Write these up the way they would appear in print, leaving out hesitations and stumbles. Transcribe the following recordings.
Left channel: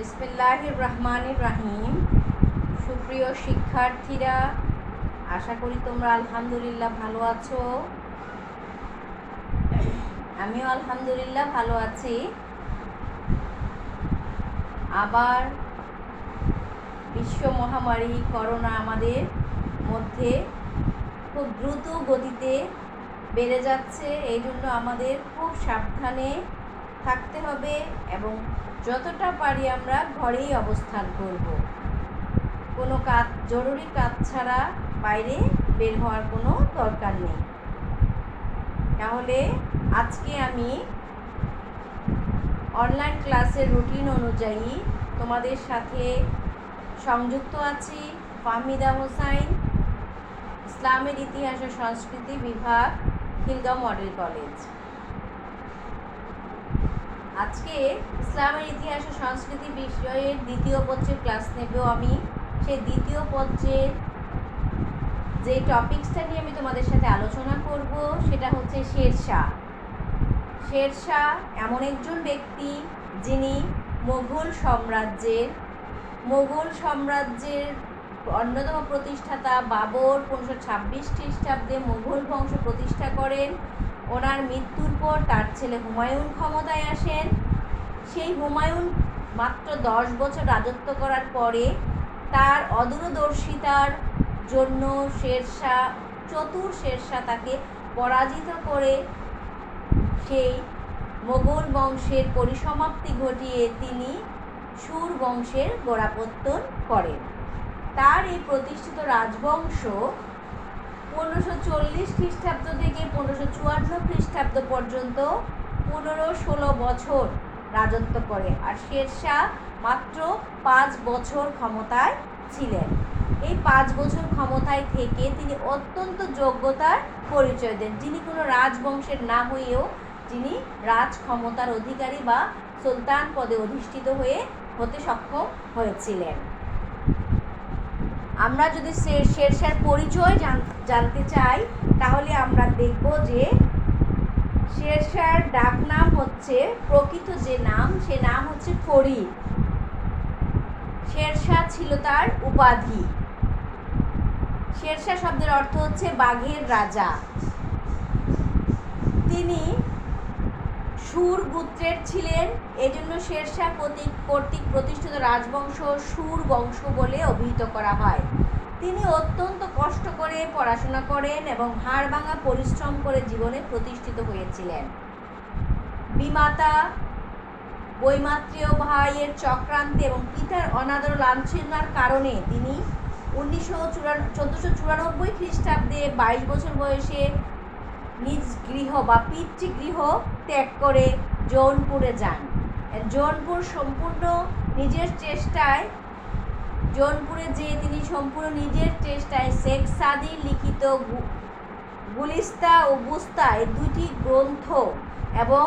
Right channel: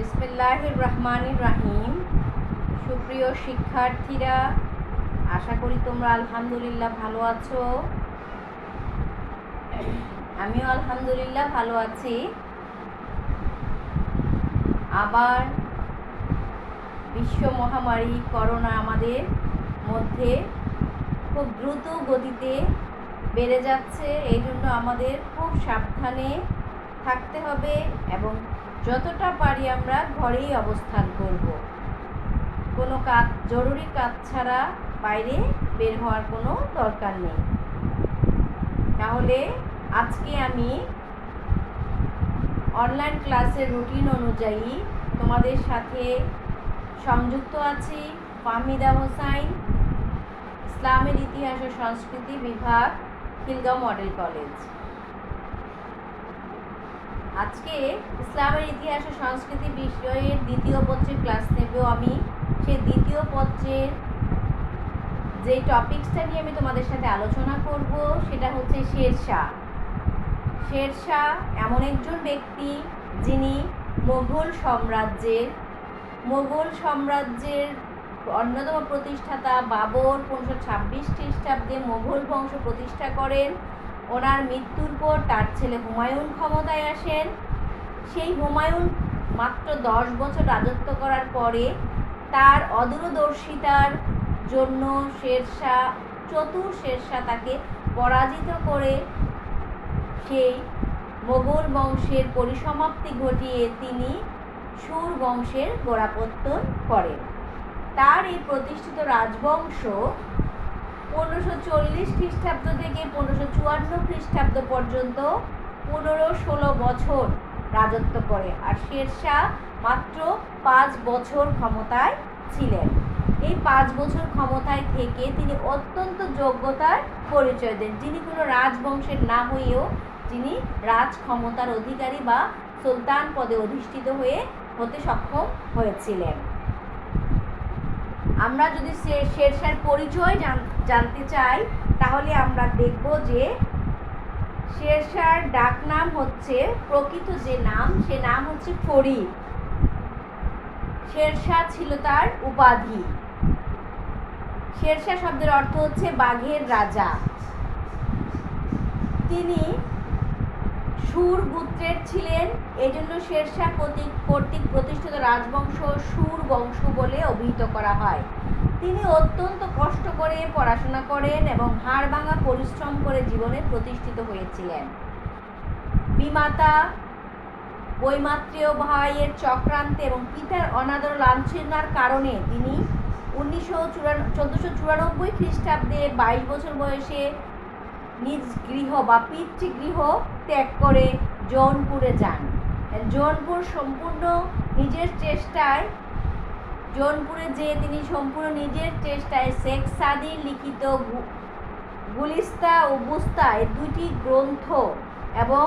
বিসমিল্লাহির রহমানির রহিম। সুপ্রিয় শিক্ষার্থীরা, আশা করি তোমরা আলহামদুলিল্লাহ ভালো আছো। আমিও আলহামদুলিল্লাহ ভালো আছি। আবার বিশ্ব মহামারী করোনা আমাদের মধ্যে খুব দ্রুত গতিতে বেড়ে যাচ্ছে। এই জন্য আমাদের খুব সাবধানে থাকতে হবে এবং যতটা পারি আমরা ঘরেই অবস্থান করব। কোনো কাজ, জরুরি কাজ ছাড়া বাইরে বের হওয়ার কোনো দরকার নেই। তাহলে আজকে আমি অনলাইন ক্লাসের রুটিন অনুযায়ী তোমাদের সাথে সংযুক্ত আছি। ফাহমিদা হোসাইন, ইসলামের ইতিহাস ও সংস্কৃতি বিভাগ, খিলগাঁও মডেল কলেজ। আজকে ইসলামের ইতিহাস ও সংস্কৃতি বিষয়ের দ্বিতীয় পত্রের ক্লাস নেব আমি। সেই দ্বিতীয় পত্রের যে টপিকসটা নিয়ে আমি তোমাদের সাথে আলোচনা করব সেটা হচ্ছে শেরশাহ। শেরশাহ এমন একজন ব্যক্তি যিনি মোগল সাম্রাজ্যের অন্যতম প্রতিষ্ঠাতা। বাবর 1526 খ্রিস্টাব্দে মোগল বংশ প্রতিষ্ঠা করেন। ওনার মৃত্যুর পর তার ছেলে হুমায়ুন ক্ষমতায় আসেন। সেই হুমায়ুন মাত্র 10 বছর রাজত্ব করার পরে তার অদূরদর্শিতার জন্য চতুর শেরশাহ তাকে পরাজিত করে সেই মোগল বংশের পরিসমাপ্তি ঘটিয়ে তিনি সুর বংশের গোড়াপত্তন করেন। তার এই প্রতিষ্ঠিত রাজবংশ 1540 খ্রিস্টাব্দ থেকে 1554 খ্রিস্টাব্দ পর্যন্ত 15-16 বছর রাজত্ব করে। আর শেরশাহ মাত্র 5 বছর ক্ষমতায় ছিলেন। এই 5 বছর ক্ষমতায় থেকে তিনি অত্যন্ত যোগ্যতার পরিচয় দেন, যিনি কোনো রাজবংশের না হয়েও তিনি রাজ ক্ষমতার অধিকারী বা সুলতান পদে অধিষ্ঠিত হতে সক্ষম হয়েছিলেন। আমরা যদি শেরশাহর পরিচয় জানতে চাই তাহলে আমরা দেখব যে শেরশাহর ডাক নাম হচ্ছে, প্রকৃত যে নাম সে নাম হচ্ছে ফরিদ। শেরশাহ ছিল তার উপাধি। শেরশাহ শব্দের অর্থ হচ্ছে বাঘের রাজা। তিনি সুর গোত্রের ছিলেন, এজন্য শেরশাহ কর্তৃক প্রতিষ্ঠিত রাজবংশ সুর বংশ বলে অভিহিত করা হয়। তিনি অত্যন্ত কষ্ট করে পড়াশোনা করেন এবং হাড় ভাঙা পরিশ্রম করে জীবনে প্রতিষ্ঠিত হয়েছিলেন। বিমাতা বৈমাত্রেয় ভাইয়ের চক্রান্তে এবং পিতার অনাদর লাঞ্ছনার কারণে তিনি 1494 খ্রিস্টাব্দে 22 বছর বয়সে নিজ গৃহ বা পিতৃগৃহ ত্যাগ করে জৌনপুরে যান। জৌনপুরে যেয়ে তিনি সম্পূর্ণ নিজের চেষ্টায় শেখ সাদির লিখিত গুলিস্তা ও বুস্তা এই দুইটি গ্রন্থ এবং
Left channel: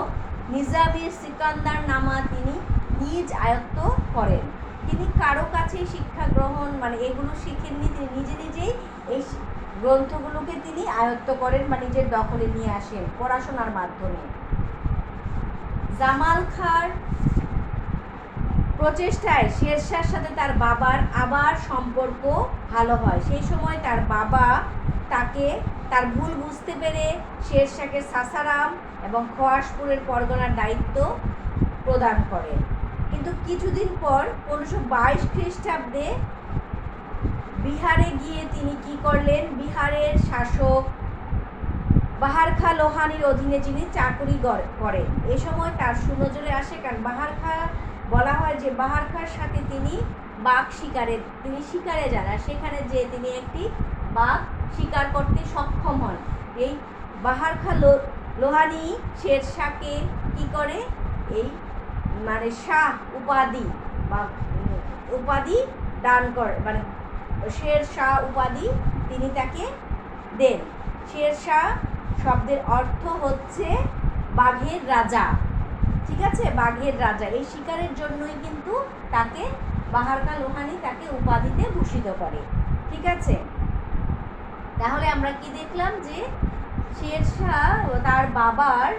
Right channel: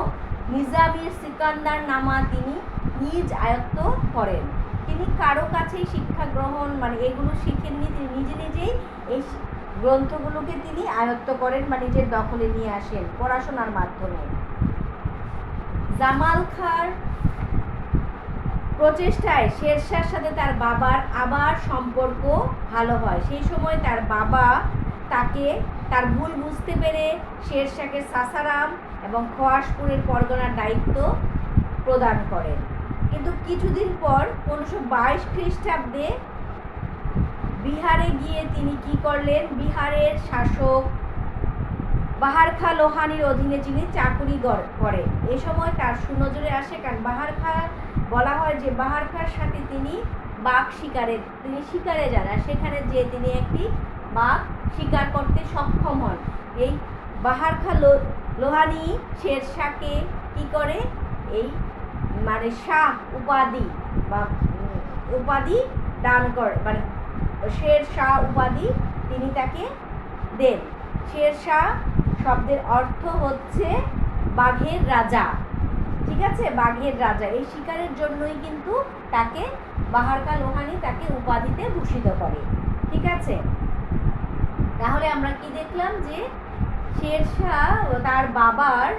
নিজামির সিকান্দার নামা তিনি নিজ আয়ত্ত করেন। তিনি কারো কাছেই শিক্ষা গ্রহণ এগুলো শিখেননি, তিনি নিজেই এই গ্রন্থগুলোকে তিনি আয়ত্ত করেন বা নিজের দখলে নিয়ে আসেন পড়াশোনার মাধ্যমে। জামাল খাঁর প্রচেষ্টায় শেরশাহর সাথে তার বাবার আবার সম্পর্ক ভালো হয়। সেই সময় তার বাবা তাকে তার ভুল বুঝতে পেরে শেরশাহকে সাসারাম এবং খোয়াসপুরের পরগনার দায়িত্ব প্রদান করেন। কিন্তু কিছুদিন পর 1522 খ্রিস্টাব্দে বিহারে গিয়ে তিনি কি করলেন, বিহারের শাসক বাহার খাঁ লোহানির অধীনে তিনি চাকুরি করেন। এ সময় তার সুনজরে আসে, কারণ বাহার খাঁ বলা হয় যে বাহার খাঁর সাথে তিনি শিকারে যান, আর সেখানে যে তিনি একটি বাঘ শিকার করতে সক্ষম হন। এই বাহার খাঁ লোহানি শেরশাহকে কি করে, এই শাহ উপাধি দান করে, শেরশাহ উপাধি তিনি তাকে দেন। শেরশাহ শব্দের অর্থ হচ্ছে বাঘের রাজা। ঠিক আছে, বাঘের রাজা। এই শিকারের জন্যই কিন্তু তাকে বাহার খাঁ লোহানি তাকে উপাধিতে ভূষিত করে। ঠিক আছে, তাহলে আমরা কি দেখলাম যে শেরশাহ তার বাবার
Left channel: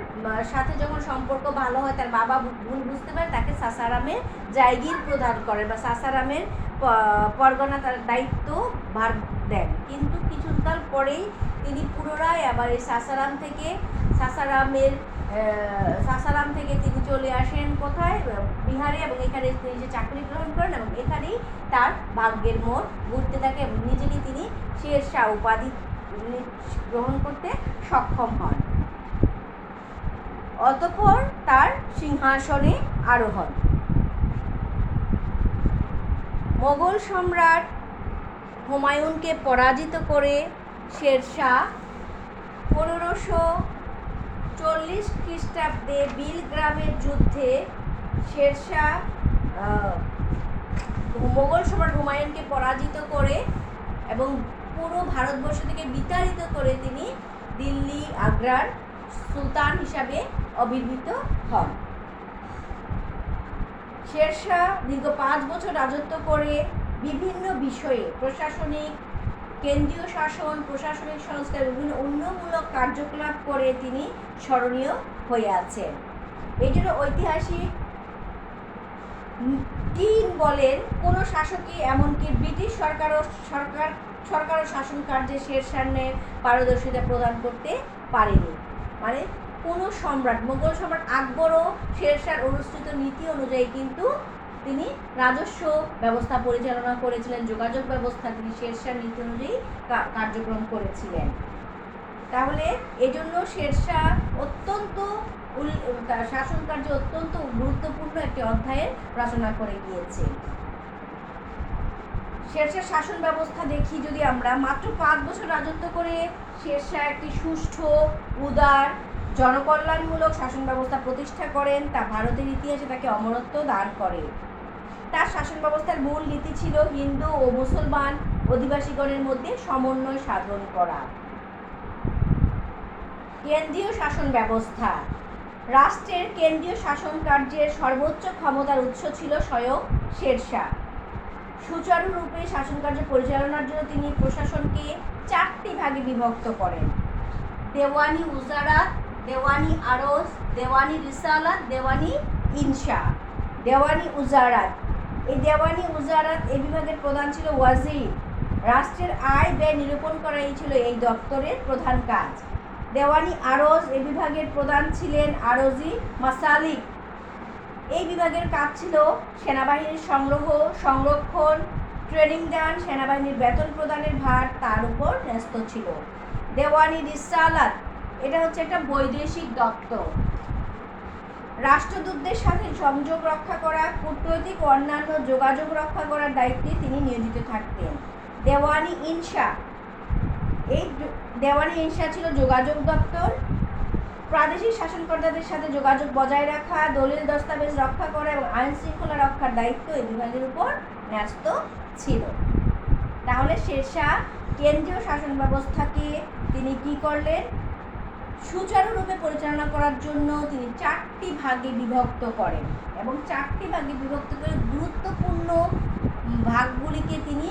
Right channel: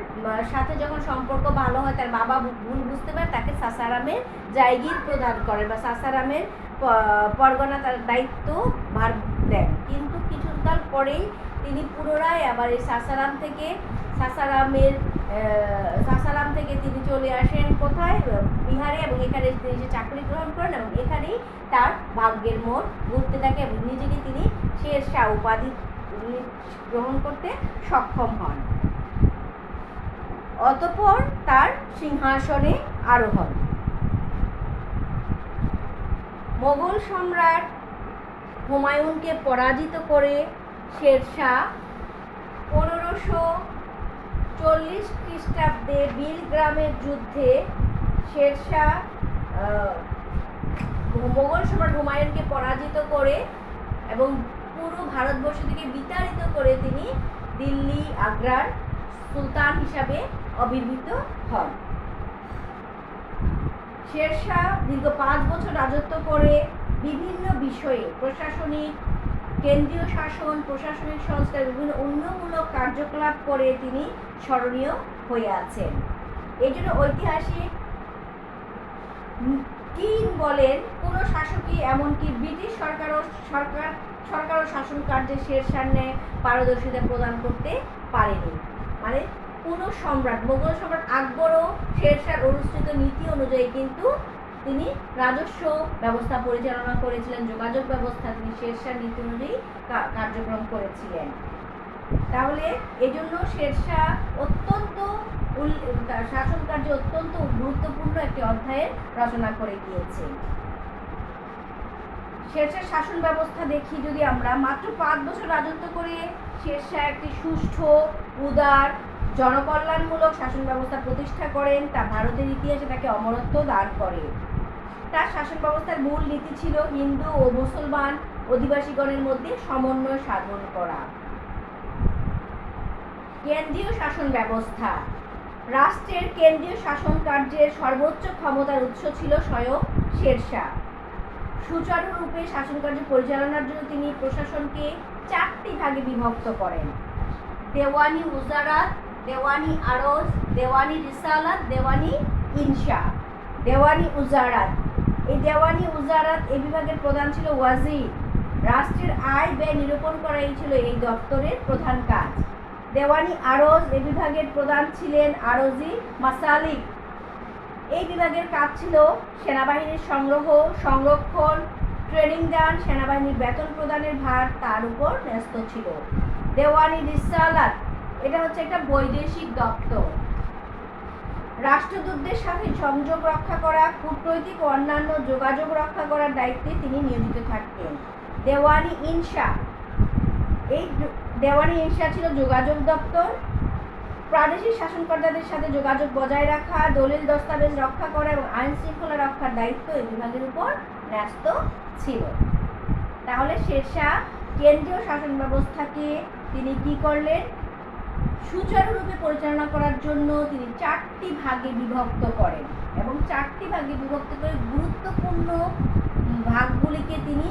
সাথে যখন সম্পর্ক ভালো হয়, তার বাবা ভুল বুঝতে পারে, তাকে সাসারামের জায়গির প্রদান করেন বা সাসারামের পরগনা তার দায়িত্ব ভার দেন। কিন্তু কিছুকাল পরেই তিনি পুনরায় আবার এই সাসারাম থেকে তিনি চলে আসেন কোথায়, বিহারে, এবং এখানে তিনি যে চাকরি গ্রহণ করেন এবং এখানেই তার ভাগ্যের মোড় ঘুরতে থাকে এবং নিজেকে তিনি শেরশাহ উপাধি গ্রহণ করতে সক্ষম হন। অতঃপর তার সিংহাসনে আরোহণ। মোগল সম্রাট হুমায়ুনকে পরাজিত করে শেরশাহ 1540 খ্রিস্টাব্দে বিলগ্রামের যুদ্ধে মোগল সম্রাট হুমায়ুনকে পরাজিত করে এবং পুরো ভারতবর্ষ থেকে বিতাড়িত করে তিনি দিল্লি আগ্রার সুলতান হিসাবে অবির্ভূত হন। শেরশাহ দীর্ঘ 5 বছর রাজত্ব করে বিভিন্ন বিষয়ে কেন্দ্রীয় শাসন, প্রশাসনিক সংস্কার, বিভিন্ন উন্নয়নমূলক কার্যকলাপ করে তিনি স্মরণীয় হয়ে আছেন। এই জন্য ঐতিহাসিক কিং বলেন, কোনো শাসকই এমনকি ব্রিটিশ সরকারও শাসন কার্যে শেরশাহ পারদর্শিতা প্রদান করতে পারেনি। মানে কোনো সম্রাট, মোগল সম্রাট আকবরও শেরশাহর অনুসৃত নীতি অনুযায়ী কিন্তু তিনি রাজস্ব ব্যবস্থা পরিচালনা করেছিলেন, যোগাযোগ ব্যবস্থা তিনি শেরশাহ নীতি অনুযায়ী কার্যক্রম করেছিলেন। তাহলে এজন্য শেরশাহ শাসন কার্যে অত্যন্ত গুরুত্বপূর্ণ একটি অধ্যায়ের রচনা করে গিয়েছে। শেরশাহ শাসন ব্যবস্থা দেখি যদি আমরা, মাত্র 5 বছর রাজত্ব করে শেরশাহ একটি সুষ্ঠু, উদার, জনকল্যাণমূলক শাসন ব্যবস্থা প্রতিষ্ঠা করেন। তা ভারতের ইতিহাসে তাকে অমরত্ব দান করে। তার শাসন ব্যবস্থার মূল নীতি ছিল হিন্দু ও মুসলমান অধিবাসীগণের মধ্যে সমন্বয় সাধন করা। কেন্দ্রীয় শাসন ব্যবস্থা। রাষ্ট্রের কেন্দ্রীয় শাসন কার্যের সর্বোচ্চ ক্ষমতার উৎস ছিল স্বয়ং শেরশাহ। সুচারুরূপে শাসন কার্য পরিচালনার জন্য তিনি প্রশাসনকে 4টি ভাগে বিভক্ত করেন: দেওয়ানি উজারাত, দেওয়ানি আরজ, দেওয়ানি রিসালাত, দেওয়ানি ইনশা। দেওয়ানি উজারাত, এই বিভাগের প্রধান ছিল ওয়াজির। রাষ্ট্রের আয় ব্যয় নিরূপণ করাই ছিল এই দপ্তরের প্রধান কাজ। দেওয়ানি আরজ, এই বিভাগের প্রধান ছিলেন আরজি মাসালিক। এই বিভাগের কাজ ছিল সেনাবাহিনীর সংরক্ষণ, ট্রেনিং দান, সেনাবাহিনীর বেতন প্রদানের ভার তার উপর ন্যস্ত ছিল। দেওয়ানি রিসালাত, এটা হচ্ছে একটা বৈদেশিক দপ্তর। রাষ্ট্রদূতদের সাথে সংযোগ রক্ষা করা, কূটনৈতিক ও অন্যান্য যোগাযোগ রক্ষা করার দায়িত্বে তিনি নিয়োজিত থাকতেন। দেওয়ানি ইনশা, এই দেওয়ানি ইনশা ছিল যোগাযোগ দপ্তর। প্রাদেশিক শাসনকর্তাদের সাথে যোগাযোগ বজায় রাখা, দলিল দস্তাবেজ রক্ষা করা এবং আইন শৃঙ্খলা রক্ষার দায়িত্ব এই বিভাগের উপর ন্যস্ত ছিল। তাহলে শেরশাহ কেন্দ্রীয় শাসন ব্যবস্থাকে তিনি কি করলেন? সুচারুরূপে পরিচালনা করার জন্য তিনি 4টি ভাগে বিভক্ত করেন এবং 4টি ভাগে বিভক্ত করে গুরুত্বপূর্ণ ভাগগুলিকে তিনি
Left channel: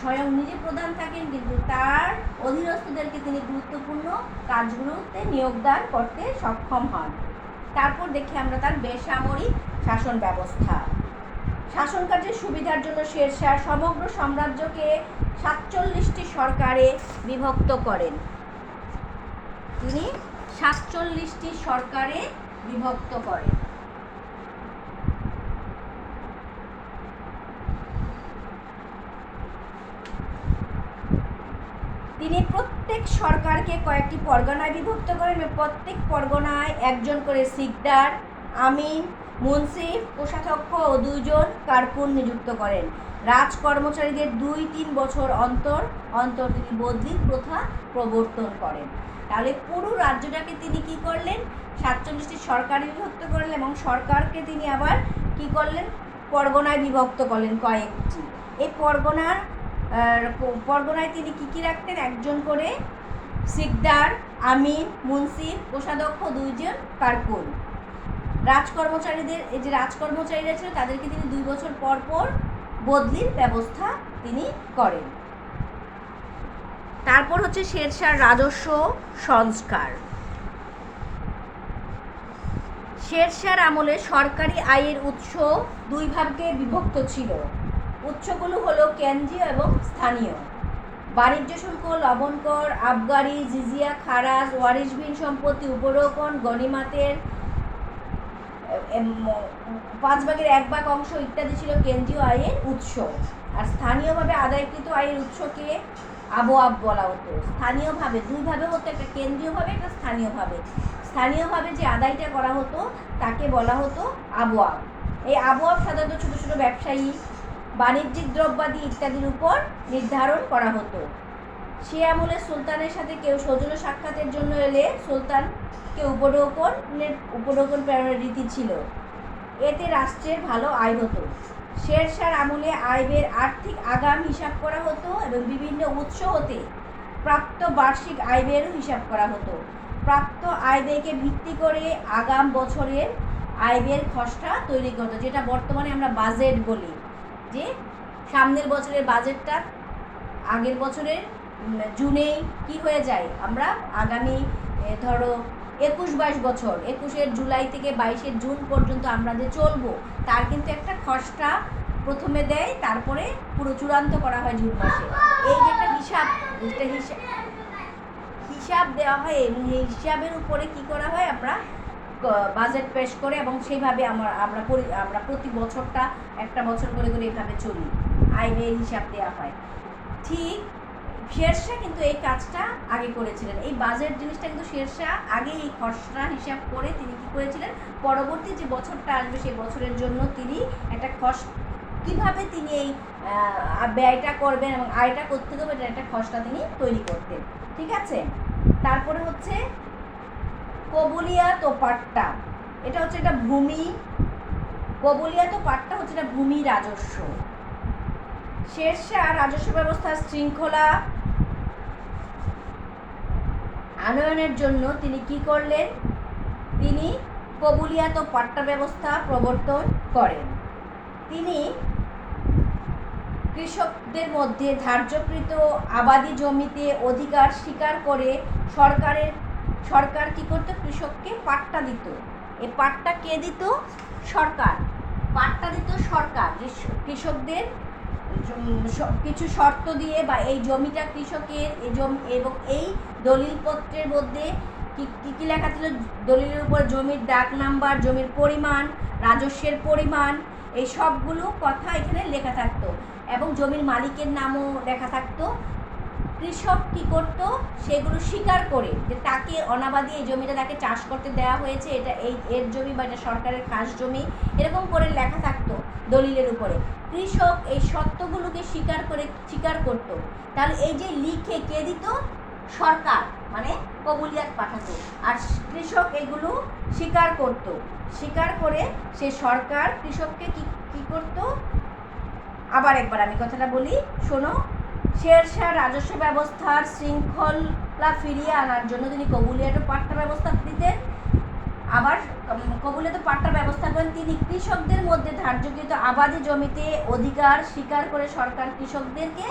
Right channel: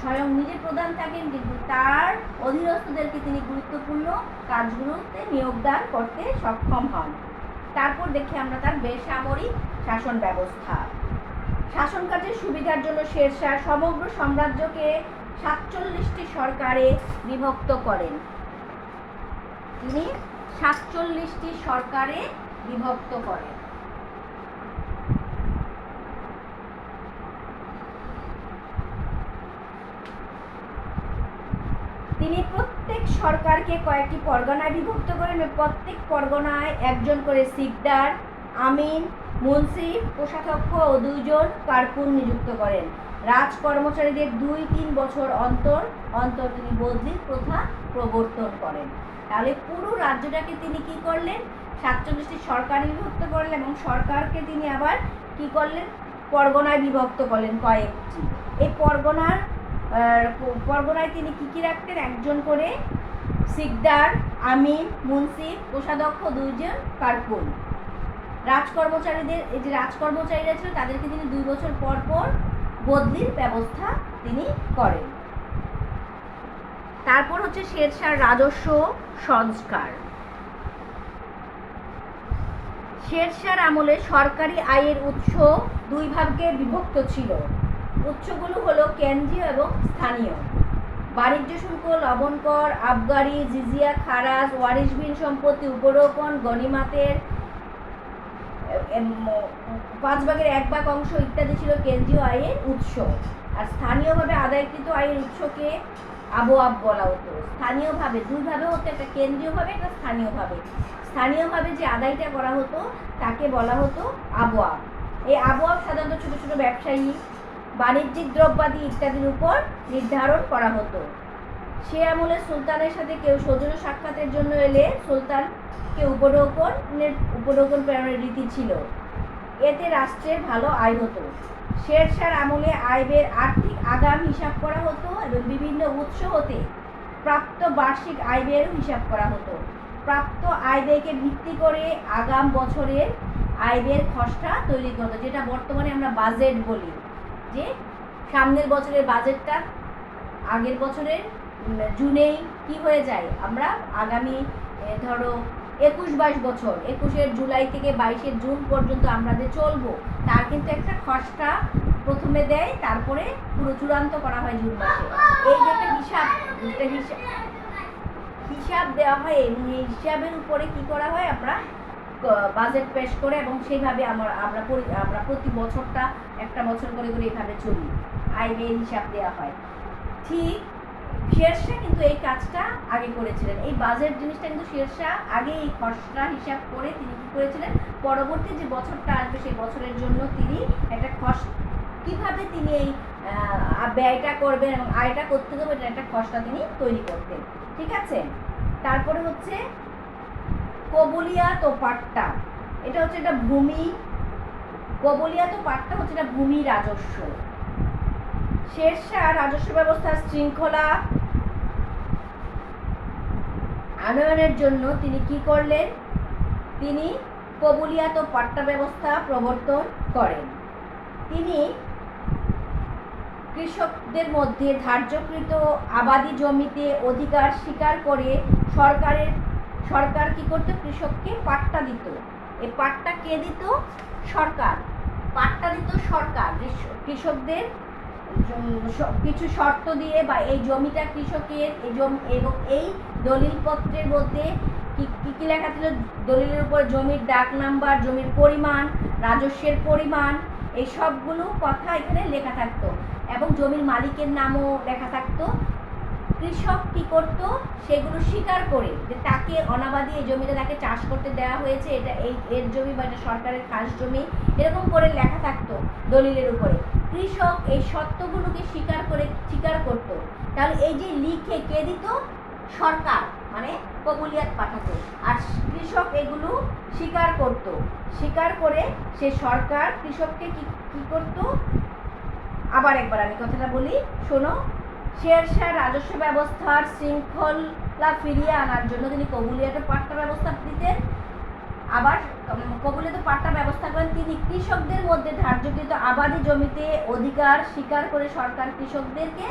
স্বয়ং নিজে প্রধান থাকেন, কিন্তু তার অধীনস্থদেরকে তিনি গুরুত্বপূর্ণ কাজগুলোতে নিয়োগদান করতে সক্ষম হন। তারপর দেখি আমরা তার বেসামরিক শাসন ব্যবস্থা। শাসন কার্যের সুবিধার জন্য শেরশাহ সমগ্র সাম্রাজ্যকে 47টি সরকারে বিভক্ত করেন। তিনি 47টি সরকারে বিভক্ত করেন। তিনি প্রত্যেক সরকারকে কয়েকটি পরগনায় বিভক্ত করেন। প্রত্যেক পরগনায় একজন করে সিকদার, আমিন, মুন্সিফ, কোষাধ্যক্ষ ও 2 জন কারকুন নিযুক্ত করেন। রাজ কর্মচারীদের 2-3 বছর অন্তর অন্তর তিনি বদলি প্রথা প্রবর্তন করেন। তাহলে পুরো রাজ্যটাকে তিনি কি করলেন? 47টি সরকারে বিভক্ত করলেন এবং সরকারকে তিনি আবার কি করলেন? পরগনায় বিভক্ত করলেন কয়েকটি। এই পরগনায় তিনি কি রাখতেন? একজন করে সিকদার, আমিন, মুন্সিফ, কোষাধ্যক্ষ, 2 জন কারকুন। রাজকর্মচারীরা ছিল তাদেরকে তিনি 2 বছর পর পর বদলির ব্যবস্থা তিনি করেন। তারপর হচ্ছে শেরশাহর রাজস্ব সংস্কার। শেরশাহর আমলে সরকারি আয়ের উৎস দুই ভাগে বিভক্ত ছিল। উৎসগুলো হলো কেন্দ্রীয় এবং স্থানীয়। বাণিজ্য শুল্ক, লবণ কর, আবগারি, জিজিয়া, খারাজ, ওয়ারিশবিহীন সম্পত্তি, উপরোপণ, গনিমাতের 1/5 অংশ ইত্যাদি ছিল কেন্দ্রীয় আয়ের উৎস। আর স্থানীয়ভাবে আদায়কৃত আয়ের উৎসকে আবওয়াব বলা হতো। স্থানীয়ভাবে দুইভাবে হতো, একটা কেন্দ্রীয়ভাবে, একটা স্থানীয়ভাবে। স্থানীয়ভাবে যে আদায়টা করা হতো তাকে বলা হতো আবওয়াব। এই আবওয়াব সাধারণত ছোটো ছোটো ব্যবসায়ী, বাণিজ্যিক দ্রব্যাদি ইত্যাদির উপর নির্ধারণ করা হতো। সে আমলে সুলতানের সাথে কেউ সৌজন্য সাক্ষাতের জন্য এলে সুলতানকে উপঢৌকন প্রেরণের রীতি ছিল। এতে রাষ্ট্রের ভালো আয় হতো। শেরশাহর আমলে আয়ের আর্থিক আগাম হিসাব করা হতো এবং বিভিন্ন উৎস হতে প্রাপ্ত বার্ষিক আয় ব্যয়েরও হিসাব করা হতো। প্রাপ্ত আয় ব্যয়কে ভিত্তি করে আগাম বছরের আয় ব্যয়ের খসড়া তৈরি করতো, যেটা বর্তমানে আমরা বাজেট বলি। যে সামনের বছরের বাজেটটা আগের বছরের জুনেই কি হয়ে যায়, আমরা আগামী ধরো 21-22 বছর, 21 জুলাই থেকে 22 জুন পর্যন্ত আমরা যে চলবো তার কিন্তু একটা খসড়া প্রথমে দেয়, তারপরে পুরো চূড়ান্ত করা হয় জুন মাসে। এই যে একটা হিসাব দেওয়া হয়, এই হিসাবের উপরে কি করা হয়, আমরা বাজেট পেশ করে এবং সেইভাবে আমরা প্রতি বছরটা একটা বছর করে করে এইভাবে চলি, আয় ব্যয়ের হিসাব দেওয়া হয়। ঠিক শেরশাহ কিন্তু এই কাজটা আগে করেছিলেন। এই বাজেট জিনিসটা কিন্তু শেরশাহ আগে এই খসড়া হিসাব করে তিনি কি করেছিলেন, পরবর্তী যে বছরটা আসবে সেই বছরের জন্য তিনি একটা কিভাবে তিনি এই ব্যয়টা করবেন এবং আয়টা করতে দেবেন এটা একটা খসড়া তিনি তৈরি করতেন। ঠিক আছে। তারপরে হচ্ছে কবুলিয়াত ও পাট্টা। এটা হচ্ছে একটা ভূমি, কবুলিয়াত ও পাট্টা হচ্ছে একটা ভূমি রাজস্ব। শেরশাহ রাজস্ব ব্যবস্থার শৃঙ্খলা আনয়নের জন্য তিনি কি করলেন, তিনি কবুলিয়াত ও পাট্টা ব্যবস্থা প্রবর্তন করেন। তিনি কৃষকদের মধ্যে ধার্যকৃত আবাদি জমিতে অধিকার স্বীকার করে সরকার কি করতো, কৃষককে পাট্টা দিত। এই পাট্টা কে দিত, সরকার। পাট্টা দিত সরকার, যে কৃষকদের কিছু শর্ত দিয়ে, বা এই জমিটা কৃষকের, এই জমি এবং এই দলিলপত্রের মধ্যে কি লেখা ছিল, দলিলের উপর জমির ডাক নাম্বার, জমির পরিমাণ, রাজস্বের পরিমাণ, এই সবগুলো কথা এখানে লেখা থাকতো এবং জমির মালিকের নামও লেখা থাকতো। কৃষক কি করত, সেগুলো স্বীকার করে যে তাকে অনাবাদি এই জমিটা তাকে চাষ করতে দেওয়া হয়েছে, এটা এর জমি বা এটা সরকারের খাস জমি, এরকম করে লেখা থাকতো দলিলের উপরে। কৃষক এই সত্যগুলোকে স্বীকার করত। তাহলে এই যে লিখে কে দিত, সরকার, মানে কবুলিয়াত পাঠাতো। আর কৃষক এগুলো স্বীকার করত, স্বীকার করে সে সরকার কৃষককে কি করত। আবার একবার আমি কথাটা বলি, শোনো। শেরশাহ রাজস্ব ব্যবস্থার শৃঙ্খলা ফিরিয়ে আনার জন্য তিনি কবুলিয়াত পাট্টা ব্যবস্থা দিতেন। আবার কবুলিয়াত পাট্টা ব্যবস্থা করেন তিনি কৃষকদের মধ্যে ধার্যকৃত আবাদি জমিতে অধিকার স্বীকার করে সরকার কৃষকদেরকে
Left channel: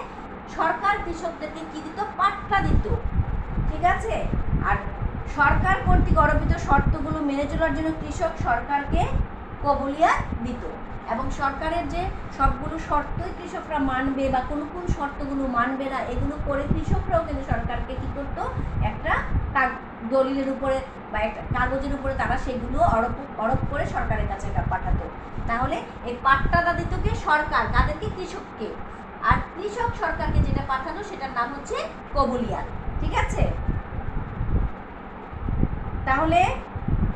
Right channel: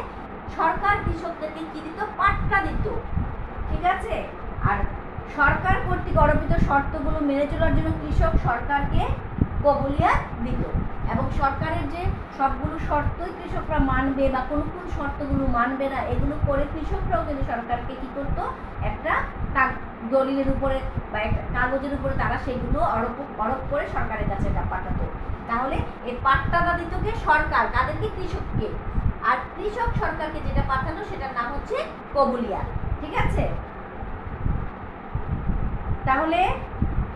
কি দিত, পাট্টা দিত। ঠিক আছে। আর সরকার কর্তৃক আরোপিত শর্তগুলো মেনে চলার জন্য কৃষক সরকারকে কবুলিয়াত দিত এবং সরকারের যে সবগুলো শর্তই কৃষকরা মানবে বা কোন কোন শর্তগুলো মানবে না, এগুলো করে কৃষকরাও কিন্তু সরকারকে কি করতো, একটা দলিলের উপরে বা একটা কাগজের উপরে তারা সেগুলো আরোপ করে সরকারের কাছে পাঠাতো। তাহলে এই পাট্টাটা দিত কে, সরকার, কাদেরকে, কৃষককে। আর কৃষক সরকারকে যেটা পাঠালো সেটার নাম হচ্ছে কবুলিয়াত। ঠিক আছে। তাহলে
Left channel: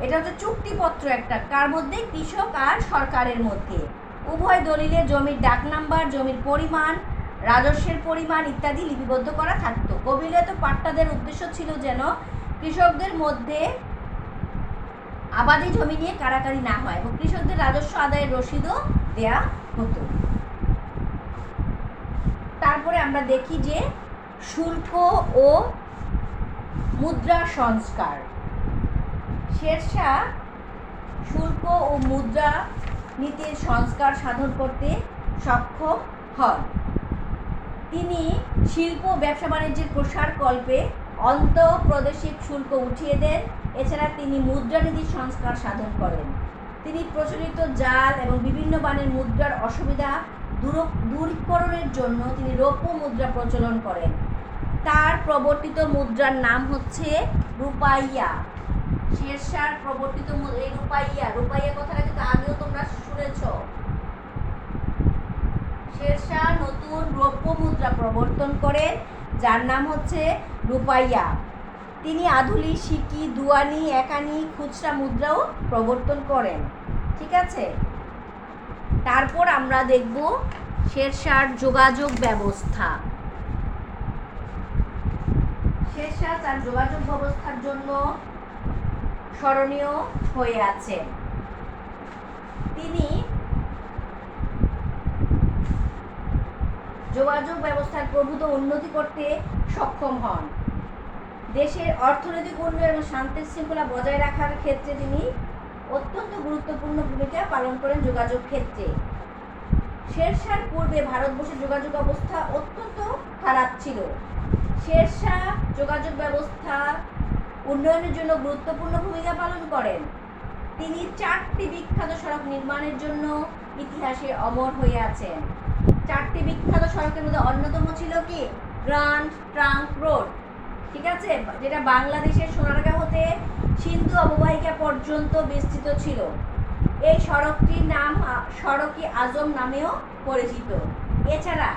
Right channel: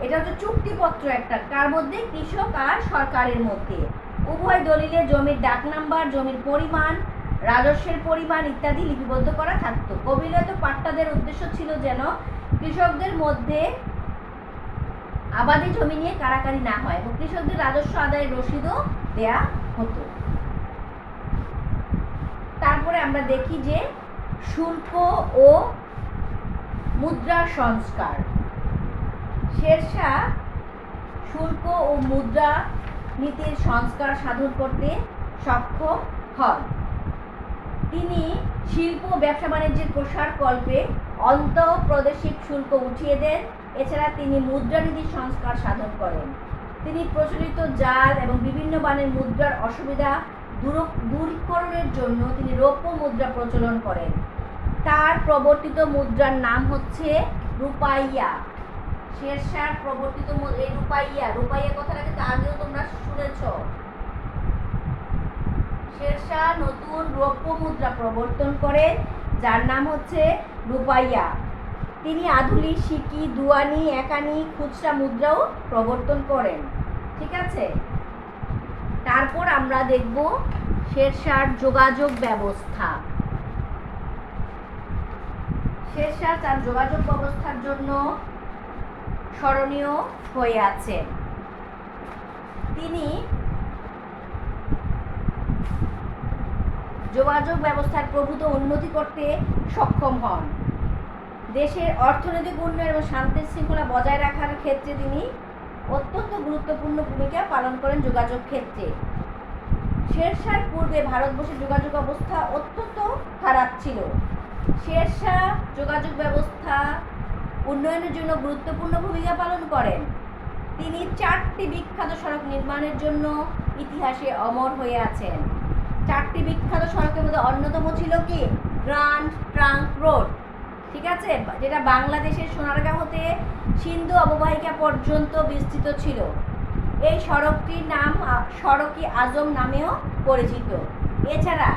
এটা হচ্ছে চুক্তিপত্র একটা, কার মধ্যে, কৃষক আর সরকারের মধ্যে। উভয় দলিলে জমির ডাক নাম্বার, জমির পরিমাণ, রাজস্বের পরিমাণ ইত্যাদি লিপিবদ্ধ করা থাকতো। কবুলিয়াত পাট্টাদের উদ্দেশ্য ছিল যেন কৃষকদের মধ্যে আবাদি জমি নিয়ে কারাকারি না হয় এবং কৃষকদের রাজস্ব আদায়ের রসিদও দেয়া হতো। তারপরে আমরা দেখি যে শুল্ক ও মুদ্রা সংস্কার। শেরশাহ শুল্ক ও মুদ্রা নীতির সংস্কার সাধন করতে সক্ষম হন। তিনি শিল্প ব্যবসা বাণিজ্যের প্রসার কল্পে অন্তঃপ্রাদেশিক শুল্ক উঠিয়ে দেন। এছাড়া তিনি মুদ্রানীতি সংস্কার সাধন করেন। তিনি প্রচলিত জাল এবং বিভিন্ন মানের মুদ্রার অসুবিধা দূরীকরণের জন্য তিনি রৌপ্য মুদ্রা প্রচলন করেন। তার প্রবর্তিত মুদ্রার নাম হচ্ছে রূপাইয়া। শেরশাহ প্রবর্তিত এই রূপাইয়া কথাটা কিন্তু আগেও তোমরা শুনেছ। শেরশাহ নতুন রৌপ্য মুদ্রা প্রবর্তন করেন, যার নাম হচ্ছে রূপাইয়া। তিনি আধুলি, সিকি, দুয়ানি, একানি, খুচরা মুদ্রাও প্রবর্তন করেন। ঠিক আছে, তারপর আমরা দেখব শেরশাহর যোগাযোগ ব্যবস্থা। শেরশাহ তার যোগাযোগ ব্যবস্থার জন্য স্মরণীয় হয়ে আছেন। তিনি যোগাযোগ ব্যবস্থার প্রভূত উন্নতি করতে সক্ষম হন। দেশের অর্থনৈতিক উন্নয়ন এবং শান্তি শৃঙ্খলা বজায় রাখার ক্ষেত্রে তিনি অত্যন্ত গুরুত্বপূর্ণ ভূমিকা পালন করেন যোগাযোগ ক্ষেত্রে। শেরশাহর পূর্বে ভারতবর্ষের যোগাযোগ অবস্থা অত্যন্ত খারাপ ছিল। শেরশাহ যোগাযোগ ব্যবস্থা উন্নয়নের জন্য গুরুত্বপূর্ণ ভূমিকা পালন করেন। তিনি 4টি বিখ্যাত সড়ক নির্মাণের জন্য ইতিহাসে অমর হয়ে আছেন। 4টি বিখ্যাত সড়কের মধ্যে অন্যতম ছিল কি গ্র্যান্ড ট্রাঙ্ক রোড। ঠিক আছে, যেটা বাংলাদেশের সোনারগাঁও হতে সিন্ধু অববাহিকা পর্যন্ত বিস্তৃত ছিল। এই সড়কটির নাম সড়ক-ই আজম নামেও পরিচিত। এছাড়া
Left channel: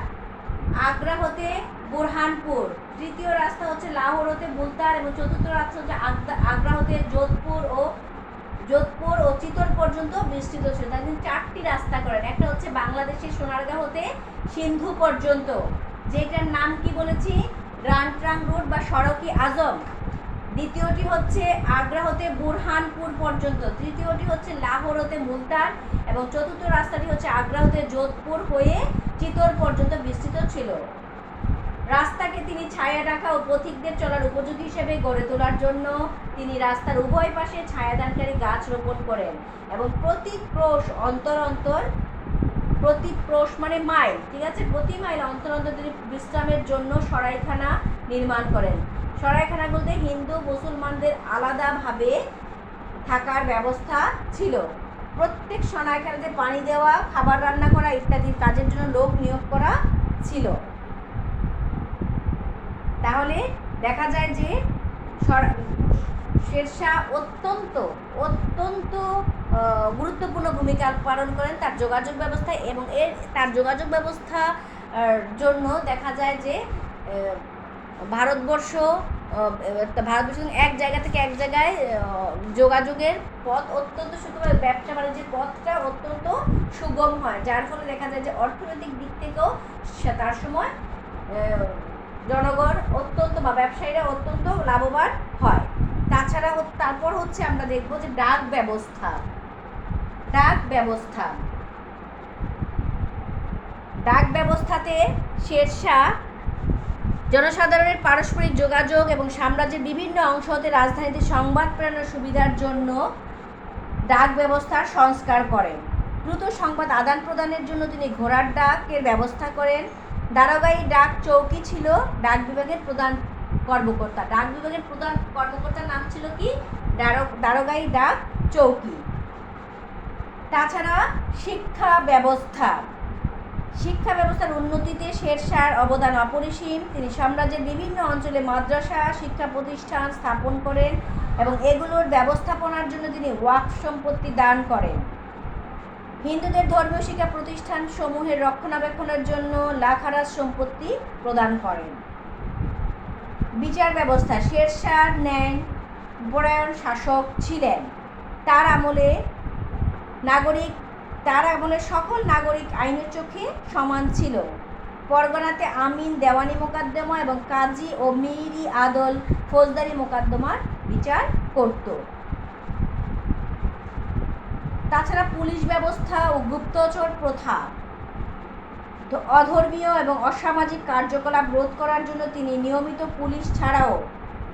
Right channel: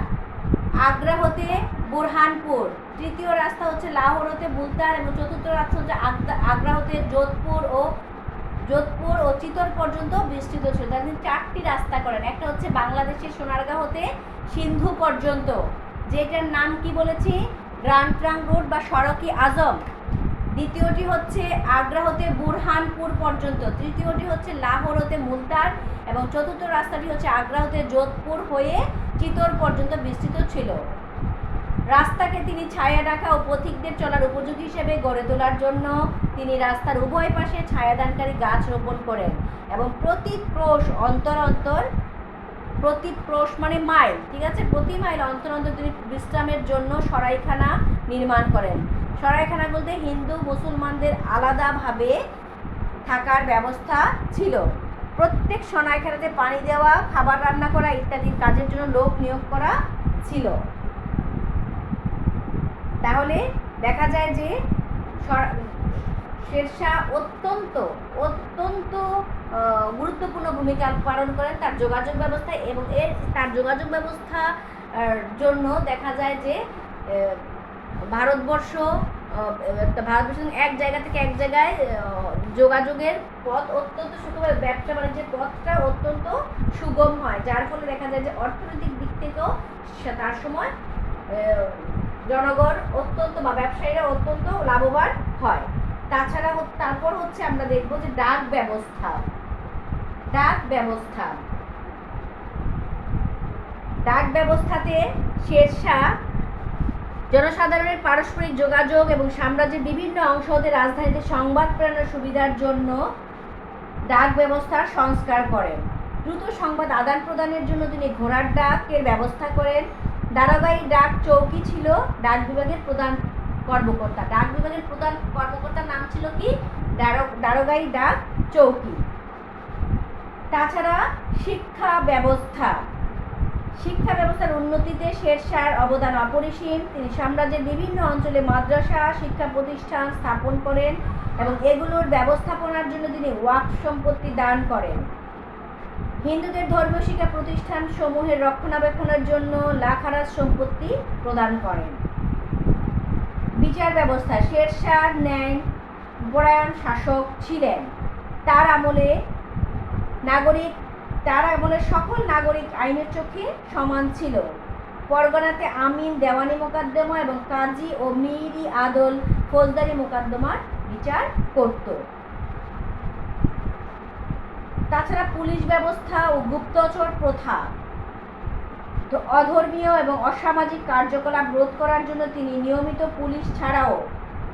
আগ্রা হতে বুরহানপুর, তৃতীয় রাস্তা হচ্ছে লাহোর হতে মুলতান এবং চতুর্থ রাস্তা হচ্ছে আগ্রা হতে যোধপুর ও চিতোর পর্যন্ত বিস্তৃত ছিল। তিনি 4টি রাস্তা করেন। একটা হচ্ছে বাংলাদেশের সোনারগাঁও হতে সিন্ধু পর্যন্ত, যেটার নাম কি বলেছি গ্র্যান্ড ট্রাঙ্ক রোড বা সড়ক-ই আজম। দ্বিতীয়টি হচ্ছে আগ্রা হতে বুরহানপুর পর্যন্ত, তৃতীয়টি হচ্ছে লাহোর হতে মুলতান এবং চতুর্থ রাস্তাটি হচ্ছে আগ্রা হতে যোধপুর হয়ে চিতোর পর্যন্ত বিস্তৃত ছিল। রাস্তাকে তিনি ছায়া ঢাকা ও পথিকদের চলার উপযোগী হিসেবে গড়ে তোলার জন্য তিনি রাস্তার উভয় পাশে ছায়াদানকারী গাছ রোপণ করেন এবং প্রতি ক্রোশ মানে মাইল, ঠিক আছে, প্রতি মাইল অন্তর অন্তর তিনি বিশ্রামের জন্য সরাইখানা নির্মাণ করেন। সরাইখানা বলতে হিন্দু মুসলমানদের আলাদাভাবে থাকার ব্যবস্থা ছিল। প্রত্যেক সরাইখানাতে পানি দেওয়া, খাবার রান্না করা ইত্যাদি কাজের জন্য লোক নিয়োগ করা ছিল। তাহলে দেখা যায় যে শেরশাহ অত্যন্ত গুরুত্বপূর্ণ ভূমিকা পালন করেন তার যোগাযোগ ব্যবস্থায় এবং তার যোগাযোগ ব্যবস্থার জন্য দেখা যায় যে ভারতবর্ষ এক জায়গা থেকে এক জায়গায় যোগাযোগের পথ অত্যন্ত সুগম, ব্যবসা বাণিজ্যের পথটা অত্যন্ত সুগম হয়, যার ফলে দেখা যায় যে অর্থনৈতিক দিক থেকেও তার সময় জনগণ অত্যন্ত বা ব্যবসায়ীরা অত্যন্ত লাভবান হয়। তাছাড়া তারপর হচ্ছে আমরা দেখব যে ডাক ব্যবস্থাতে শেরশাহ জনসাধারণের পারস্পরিক যোগাযোগ এবং সাম্রাজ্যের বিভিন্ন অংশ হতে রাজধানীতে সংবাদ প্রেরণের সুবিধার জন্য ডাক ব্যবস্থার সংস্কার করেন। দ্রুত সংবাদ আদান প্রদানের জন্য তিনি ঘোড়ার ডাকের ব্যবস্থা করেন। দারোগাই ডাক চৌকি ছিল ডাক বিভাগের প্রধান কর্মকর্তা। ডাক বিভাগের প্রধান কর্মকর্তার নাম ছিল কি দারোগাই ডাক চৌকি। তাছাড়া শিক্ষা ব্যবস্থার উন্নতিতে শেরশাহর অবদান অপরিসীম। তিনি সাম্রাজ্যের বিভিন্ন অঞ্চলে মাদ্রাসা শিক্ষা প্রতিষ্ঠান স্থাপন করেন এবং এগুলোর ব্যবস্থাপনার জন্য তিনি ওয়াকফ সম্পত্তি দান করেন। হিন্দুদের ধর্মীয় শিক্ষা প্রতিষ্ঠান সমূহের রক্ষণাবেক্ষণের জন্য লাখারাজ সম্পত্তি প্রদান করেন। বিচার ব্যবস্থা, শেরশাহ ন্যায়পরায়ণ শাসক ছিলেন। তার আমলে সকল নাগরিক আইনের চোখে সমান ছিল। পরগনাতে আমিন দেওয়ানি মোকদ্দমা এবং কাজী ও মিরি আদল ফৌজদারি মোকদ্দমার বিচার করত। তাছাড়া পুলিশ ব্যবস্থা ও গুপ্তচর প্রথা, অধর্মীয় এবং অসামাজিক কার্যকলাপ রোধ করার জন্য তিনি নিয়মিত পুলিশ ছাড়াও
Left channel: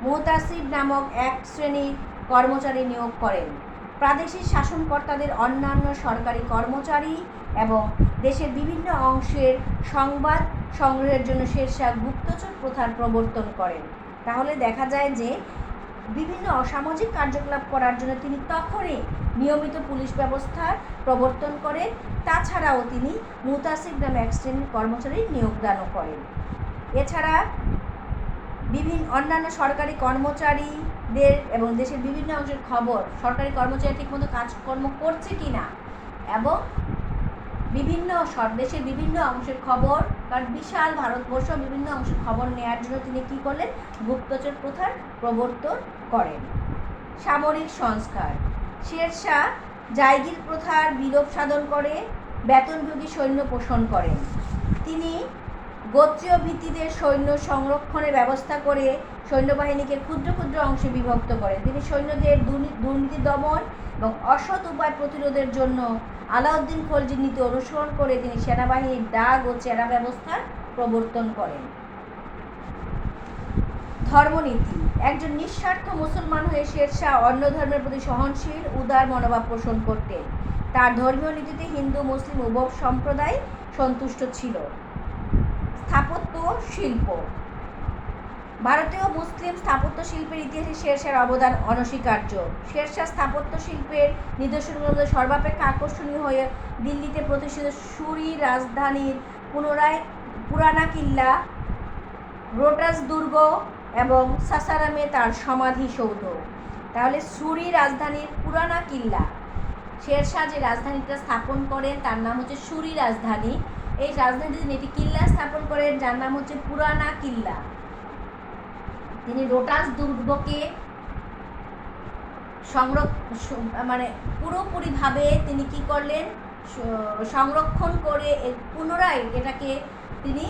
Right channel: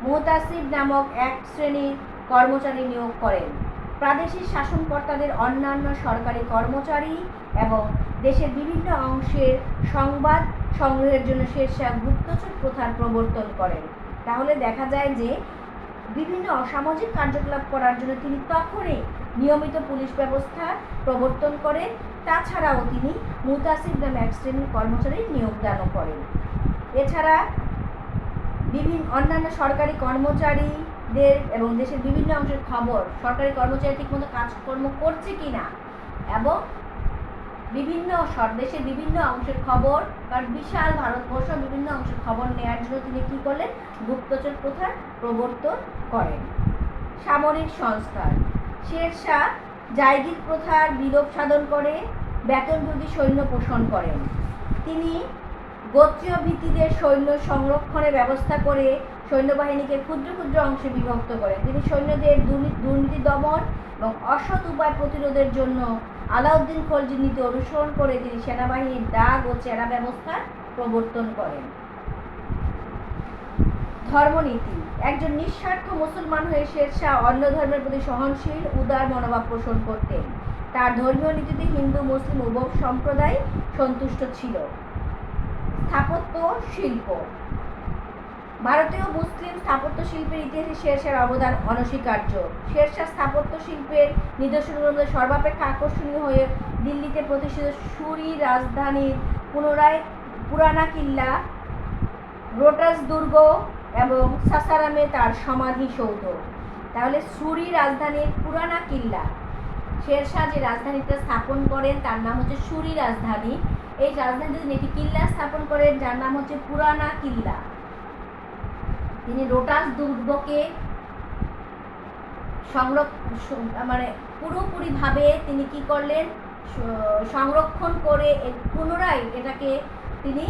মুহতাসিব নামক এক শ্রেণীর কর্মচারী নিয়োগ করেন। প্রাদেশিক শাসনকর্তাদের অন্যান্য সরকারি কর্মচারী এবং দেশের বিভিন্ন অংশের সংবাদ সংগ্রহের জন্য শেরশাহ গুপ্তচর প্রথার প্রবর্তন করেন। তাহলে দেখা যায় যে বিভিন্ন অসামাজিক কার্যকলাপ করার জন্য তিনি তখনই নিয়মিত পুলিশ ব্যবস্থার প্রবর্তন করেন। তাছাড়াও তিনি মুতাসির নামে এক শ্রেণীর কর্মচারী নিয়োগদানও করেন। এছাড়া বিভিন্ন অন্যান্য সরকারি কর্মচারীদের এবং দেশের বিভিন্ন অংশের খবর, সরকারি কর্মচারী ঠিকমতো কাজকর্ম করছে কিনা এবং দেশের বিভিন্ন অংশের খবর, কারণ বিশাল ভারতবর্ষ বিভিন্ন অংশের খবর নেওয়ার জন্য তিনি কী করলেন? গুপ্তচর প্রথার প্রবর্তন করেন। সামরিক সংস্কার। শেরশাহ জায়গির প্রথার বিলোপ সাধন করে বেতনভোগী সৈন্য পোষণ করেন। তিনি গোত্রীয় ভিত্তিতে সৈন্য সংরক্ষণের ব্যবস্থা করে সৈন্যবাহিনীকে ক্ষুদ্র ক্ষুদ্র অংশে বিভক্ত করেন। তিনি সৈন্যদের দুর্নীতি দমন এবং অসৎ উপায় প্রতিরোধের জন্য আলাউদ্দিন খলজির নীতি অনুসরণ করে তিনি সেনাবাহিনীর ডাক ও চেরা ব্যবস্থার প্রবর্তন করেন। ধর্মনীতি। একজন নিঃস্বার্থ মুসলমান হয়ে শেরশাহ অন্য ধর্মের প্রতি সহনশীল উদার মনোভাব পোষণ করতেন। তার ধর্মীয় নীতিতে হিন্দু মুসলিম উভয় সম্প্রদায় সন্তুষ্ট ছিল। স্থাপত্য শিল্প। ভারতীয় মুসলিম স্থাপত্য শিল্পের ইতিহাসে শেরশাহর অবদান অনস্বীকার্য। শেরশাহ স্থাপত্য শিল্পের নিদর্শনগুলোর মধ্যে সর্বাপেক্ষা আকর্ষণীয় হয়ে দিল্লিতে প্রতিষ্ঠিত সুরি রাজধানীর পুরানা কিল্লা, রোটাস দুর্গ এবং সাসারামে তার সমাধিসৌধ। তাহলে সুরি রাজধানীর পুরানা কিল্লা, শেরশাহ যে রাজধানীটা স্থাপন করেন তার নাম হচ্ছে সুরি রাজধানী। এই রাজধানীতে তিনি একটি কিল্লা স্থাপন করেন যার নাম হচ্ছে পুরানা কিল্লা। তিনি রোটাস দুর্গকে পুরোপুরিভাবে তিনি কি করলেন? সংরক্ষণ করে পুনরায় এটাকে তিনি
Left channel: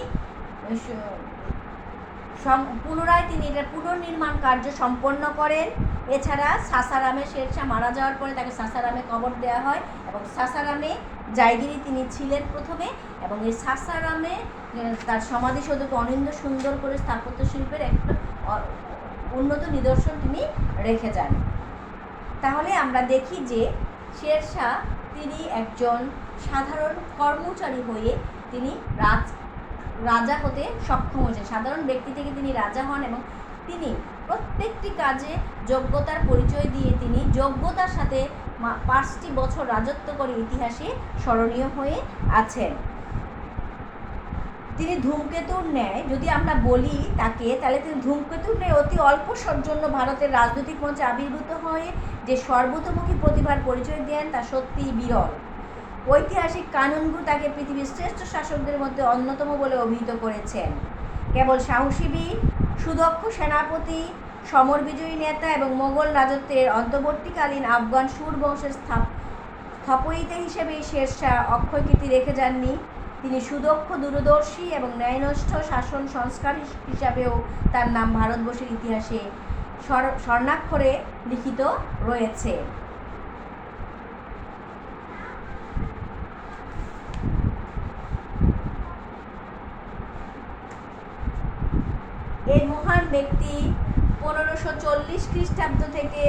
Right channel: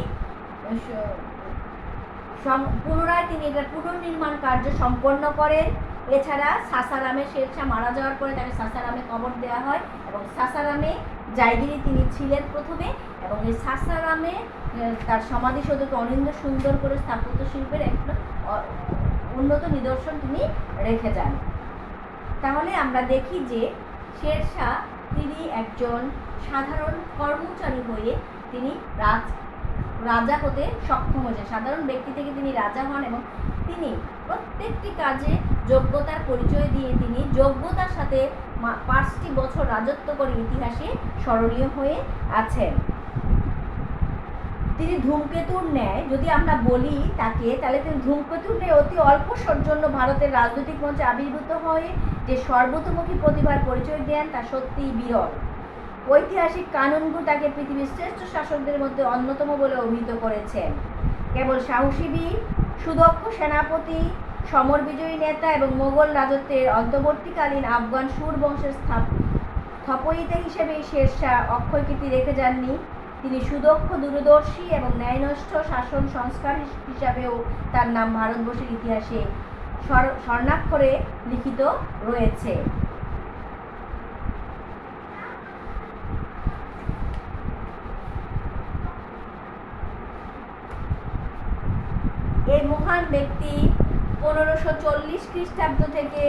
এটার পুনর্নির্মাণ কার্য সম্পন্ন করেন। এছাড়া সাসারামে শেরশাহ মারা যাওয়ার পরে তাকে সাসারামে কবর দেওয়া হয় এবং সাসারামে জায়গিরি তিনি ছিলেন প্রথমে, এবং এই সাসারামে তার সমাধিসৌধকে অনিন্দ সুন্দর করে স্থাপত্য শিল্পের একটা উন্নত নিদর্শন তিনি রেখে যান। তাহলে আমরা দেখি যে শেরশাহ তিনি একজন সাধারণ কর্মচারী হয়ে তিনি রাজা হতে সক্ষম হয়েছে। সাধারণ ব্যক্তি থেকে তিনি রাজা হন এবং তিনি প্রত্যেকটি কাজে যোগ্যতার পরিচয় দিয়ে তিনি যোগ্যতার সাথে 5টি বছর রাজত্ব করে ইতিহাসে স্মরণীয় হয়ে আছেন। তিনি ধূমকেতুর ন্যায়, যদি আমরা বলি তাকে, তাহলে তিনি ধূমকেতুর ন্যায় অতি অল্প জন্য ভারতের রাজনৈতিক মঞ্চে আবির্ভূত হয়ে যে সর্বতোমুখী প্রতিভার পরিচয় দেন তা সত্যিই বিরল। ঐতিহাসিক কানুনগো তাকে পৃথিবীর শ্রেষ্ঠ শাসকদের মধ্যে অন্যতম বলে অভিহিত করেছেন। কেবল সাহসী বীর, সুদক্ষ সেনাপতি, সমর বিজয়ী নেতা এবং মোগল রাজত্বের অন্তর্বর্তীকালীন আফগান সুর বংশের স্থপয়িতা হিসেবেই শেরশাহ অক্ষয় কীর্তি রেখে যাননি, তিনি সুদক্ষ, দূরদর্শী এবং ন্যায়নিষ্ঠ শাসন সংস্কার হিসাবেও তার নাম ভারতবর্ষের ইতিহাসে স্বর্ণাক্ষরে লিখিত রয়েছে। এই মহান ব্যক্তি 1540 খ্রিস্টাব্দ থেকে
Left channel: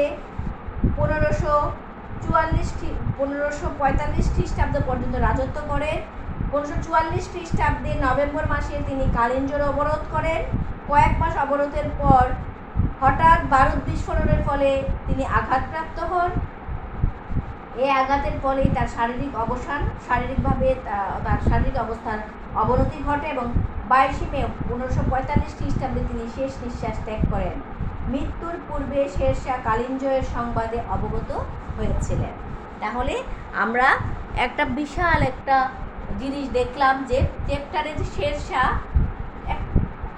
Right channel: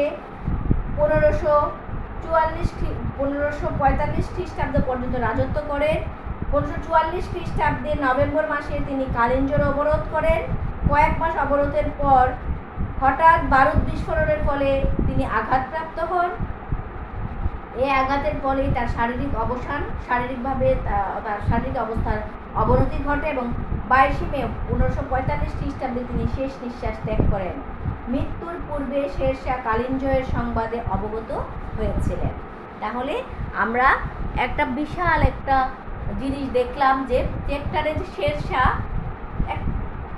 1545 খ্রিস্টাব্দ পর্যন্ত রাজত্ব করেন। 1544 খ্রিস্টাব্দে নভেম্বর মাসে তিনি কালিঞ্জর অবরোধ করেন। কয়েক মাস অবরোধের পর হঠাৎ বারুদ বিস্ফোরণের ফলে তিনি আঘাতপ্রাপ্ত হন। এই আঘাতের ফলেই তার শারীরিকভাবে তার শারীরিক অবস্থার অবনতি ঘটে এবং 22 মে 1545 খ্রিস্টাব্দে তিনি শেষ নিঃশ্বাস ত্যাগ করেন। মৃত্যুর পূর্বে শেরশাহ কালিঞ্জয়ের সংবাদে অবগত হয়েছিলেন। তাহলে আমরা একটা বিশাল একটা জিনিস দেখলাম যে চ্যাপ্টারে যে শেরশাহ এক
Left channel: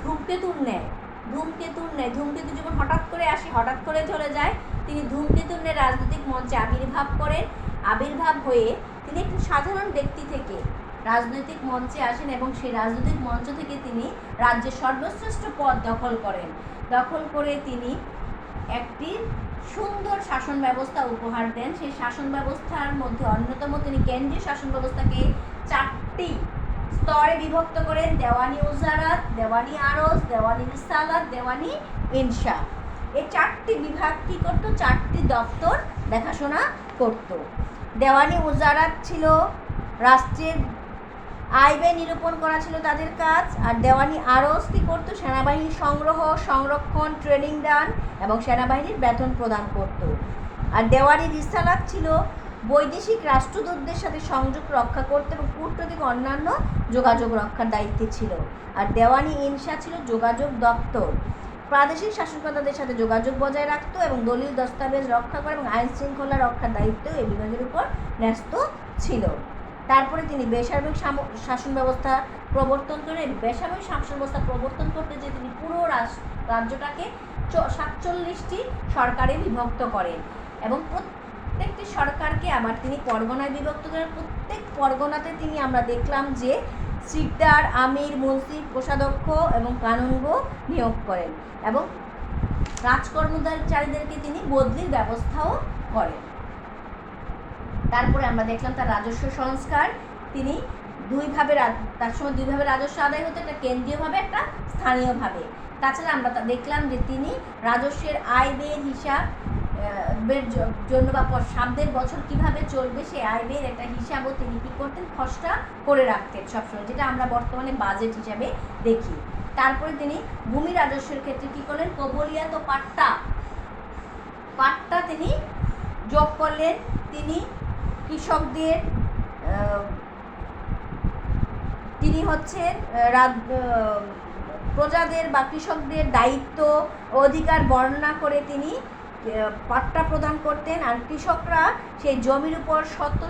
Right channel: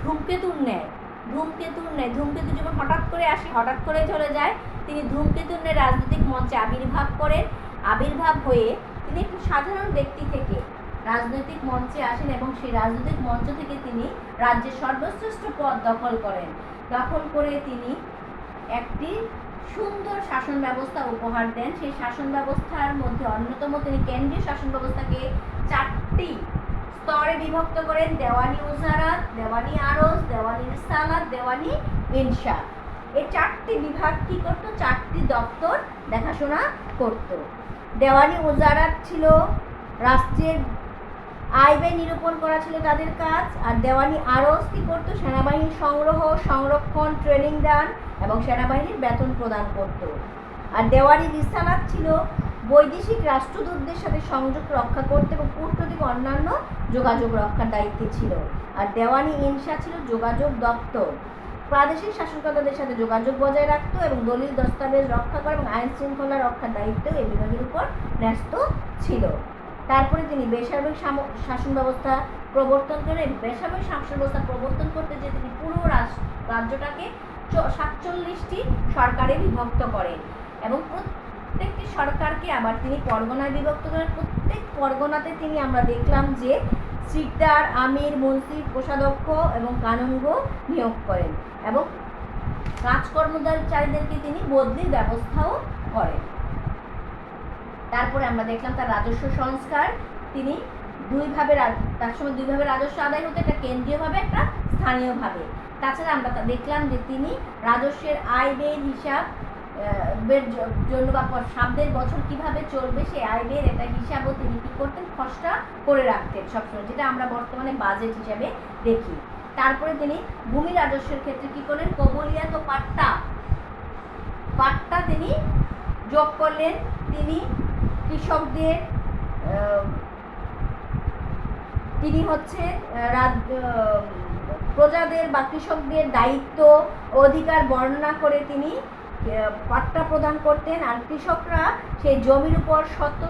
ধূমকেতুর ন্যায় ধূমকেতু যেমন হঠাৎ করে আসে, হঠাৎ করে চলে যায়, তিনি ধূমকেতুর ন্যায় রাজনৈতিক মঞ্চে আবির্ভাব করেন। আবির্ভাব হয়ে তিনি একটি সাধারণ ব্যক্তি থেকে রাজনৈতিক মঞ্চে আসেন এবং সেই রাজনৈতিক মঞ্চ থেকে তিনি রাজ্যের সর্বশ্রেষ্ঠ পদ দখল করেন। দখল করে তিনি একটি সুন্দর শাসন ব্যবস্থা উপহার দেন। সেই শাসন ব্যবস্থার মধ্যে অন্যতম তিনি কেন্দ্রীয় শাসন ব্যবস্থাকে 4টি স্তরে বিভক্ত করেন: দেওয়ানি উজারাত, দেওয়ানি আরজ, দেওয়ানি রিসালাত, দেওয়ানি ইনশা। এই 4টি বিভাগ কি করতো? 4টি দপ্তর দেখাশোনা করত। দেওয়ানি ওজারাত ছিল রাষ্ট্রের আয় ব্যয় নিরূপণ করা ছিল তাদের কাজ। আর দেওয়ানি আরস কি করতো, সেনাবাহিনীর সংগ্রহ, সংরক্ষণ, ট্রেনিং দান এবং সেনাবাহিনীর বেতন প্রদান করত। আর দেওয়ানি রিসালাত ছিল বৈদেশিক রাষ্ট্রদূতদের সাথে সংযোগ রক্ষা করতে এবং কূটনৈতিক অন্যান্য যোগাযোগ রক্ষার দায়িত্বে ছিল। আর দেওয়ানি ইনসা ছিল যোগাযোগ দপ্তর, প্রাদেশিক শাসনকর্তাদের সাথে যোগাযোগ বজায় রাখতো এবং দলীয় দস্তাবেজ রক্ষা করে এবং আইন শৃঙ্খলা রক্ষার দায়িত্ব এই বিভাগের উপর ন্যস্ত ছিল। তারপরে তিনি বেসামরিক শাসন ব্যবস্থা প্রবর্তন করেন। বেসামরিক শাসন ব্যবস্থা প্রবর্তন করতে যে তিনি পুরো রাজ্যটাকে 47টি সরকারে বিভক্ত করেন এবং প্রত্যেকটি সরকারকে আবার তিনি পরগনায় বিভক্ত করেন। প্রত্যেক পরগনাতে তিনি আমরা দেখলাম যে সিকদার, আমির, মন্ত্রী, কোষাধ্যক্ষ এবং কানুনগো নিয়োগ করেন এবং রাজকর্মচারীদেরকে তিনি বদলির ব্যবস্থাও করেন। তারপরে আমরা দেখলাম তার রাজস্ব সংস্কার। তিনি তার সময় দুইভাবে রাজস্ব আদায় হতো, একটা কেন্দ্রীয়ভাবে, একটা স্থানীয়ভাবে। তাছাড়া আমরা দেখলাম যে তিনি রাজস্বের আয় ব্যয়ের হিসাব জন্য বা সামনের বছর কিভাবে চলবে সেই আয় ব্যয়ের একটা হিসাবও তিনি কী করতেন, খসড়া করে রাখতেন সবসময়, যেটা আমরা বর্তমানে বাজেট হিসাবে দেখি। তারপরে তিনি ভূমি রাজস্বের ক্ষেত্রে কী করলেন, কবলিয়াত ও পাট্টা তিনি যোগ করলেন। তিনি কৃষকদের তিনি হচ্ছে প্রজাদের বা কৃষকদের দায়িত্ব অধিকার বর্ণনা করে তিনি পাট্টা প্রদান করতেন। আর কৃষকরা সেই জমির উপর শর্ত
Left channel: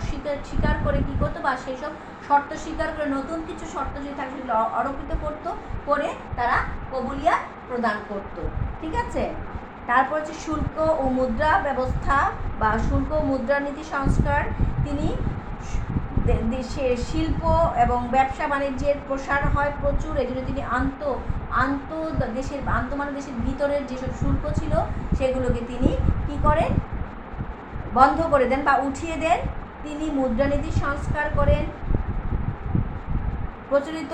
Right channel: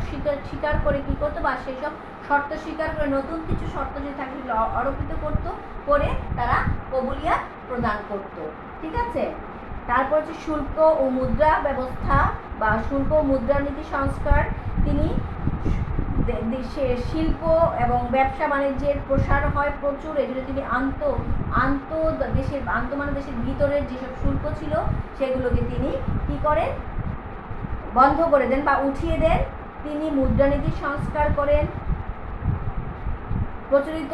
স্বীকার করে কী করতো, বা সেসব শর্ত স্বীকার করে নতুন কিছু শর্ত যদি থাকে সেগুলো আরোপিত করতো, করে তারা কবুলিয়া প্রদান করত। ঠিক আছে। তারপর হচ্ছে শুল্ক ও মুদ্রা ব্যবস্থা বা শুল্ক ও মুদ্রানীতি সংস্কার। তিনি দেশের শিল্প এবং ব্যবসা বাণিজ্যের প্রসার হয় প্রচুর, এই জন্য তিনি দেশের ভিতরের যেসব শুল্ক ছিল সেগুলোকে তিনি কি করেন, বন্ধ করে দেন বা উঠিয়ে দেন। তিনি মুদ্রানীতি সংস্কার করেন। প্রচলিত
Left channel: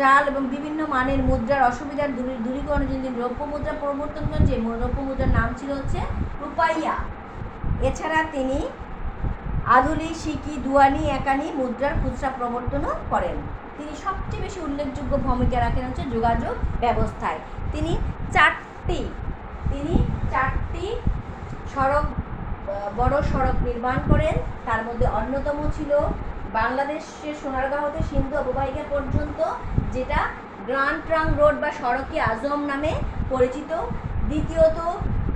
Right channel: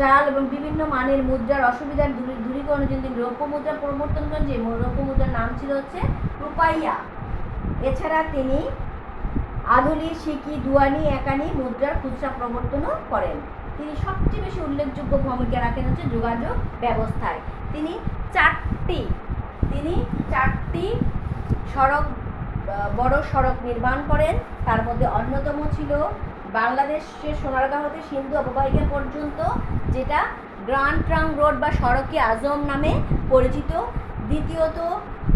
জাল এবং বিভিন্ন মানের মুদ্রার অসুবিধার দূরীকরণের জন্য তিনি রৌপ্য মুদ্রা প্রবর্তন করেন, যে রৌপ্য মুদ্রার নাম ছিল হচ্ছে রূপাইয়া। এছাড়া তিনি আধুলি, সিকি, দুয়ানি, একানি মুদ্রার খুচরা প্রবর্তনও করেন। তিনি সবচেয়ে বেশি উল্লেখযোগ্য ভূমিকা রাখেন হচ্ছে যোগাযোগ ব্যবস্থায়। তিনি চারটি বড় সড়ক নির্মাণ করেন। তার মধ্যে অন্যতম ছিল বাংলাদেশের সোনারগাঁও হতে সিন্ধু অববাহিকা পর্যন্ত, যেটা গ্র্যান্ড ট্রাঙ্ক রোড বা সড়কে আজম নামে পরিচিত। দ্বিতীয়ত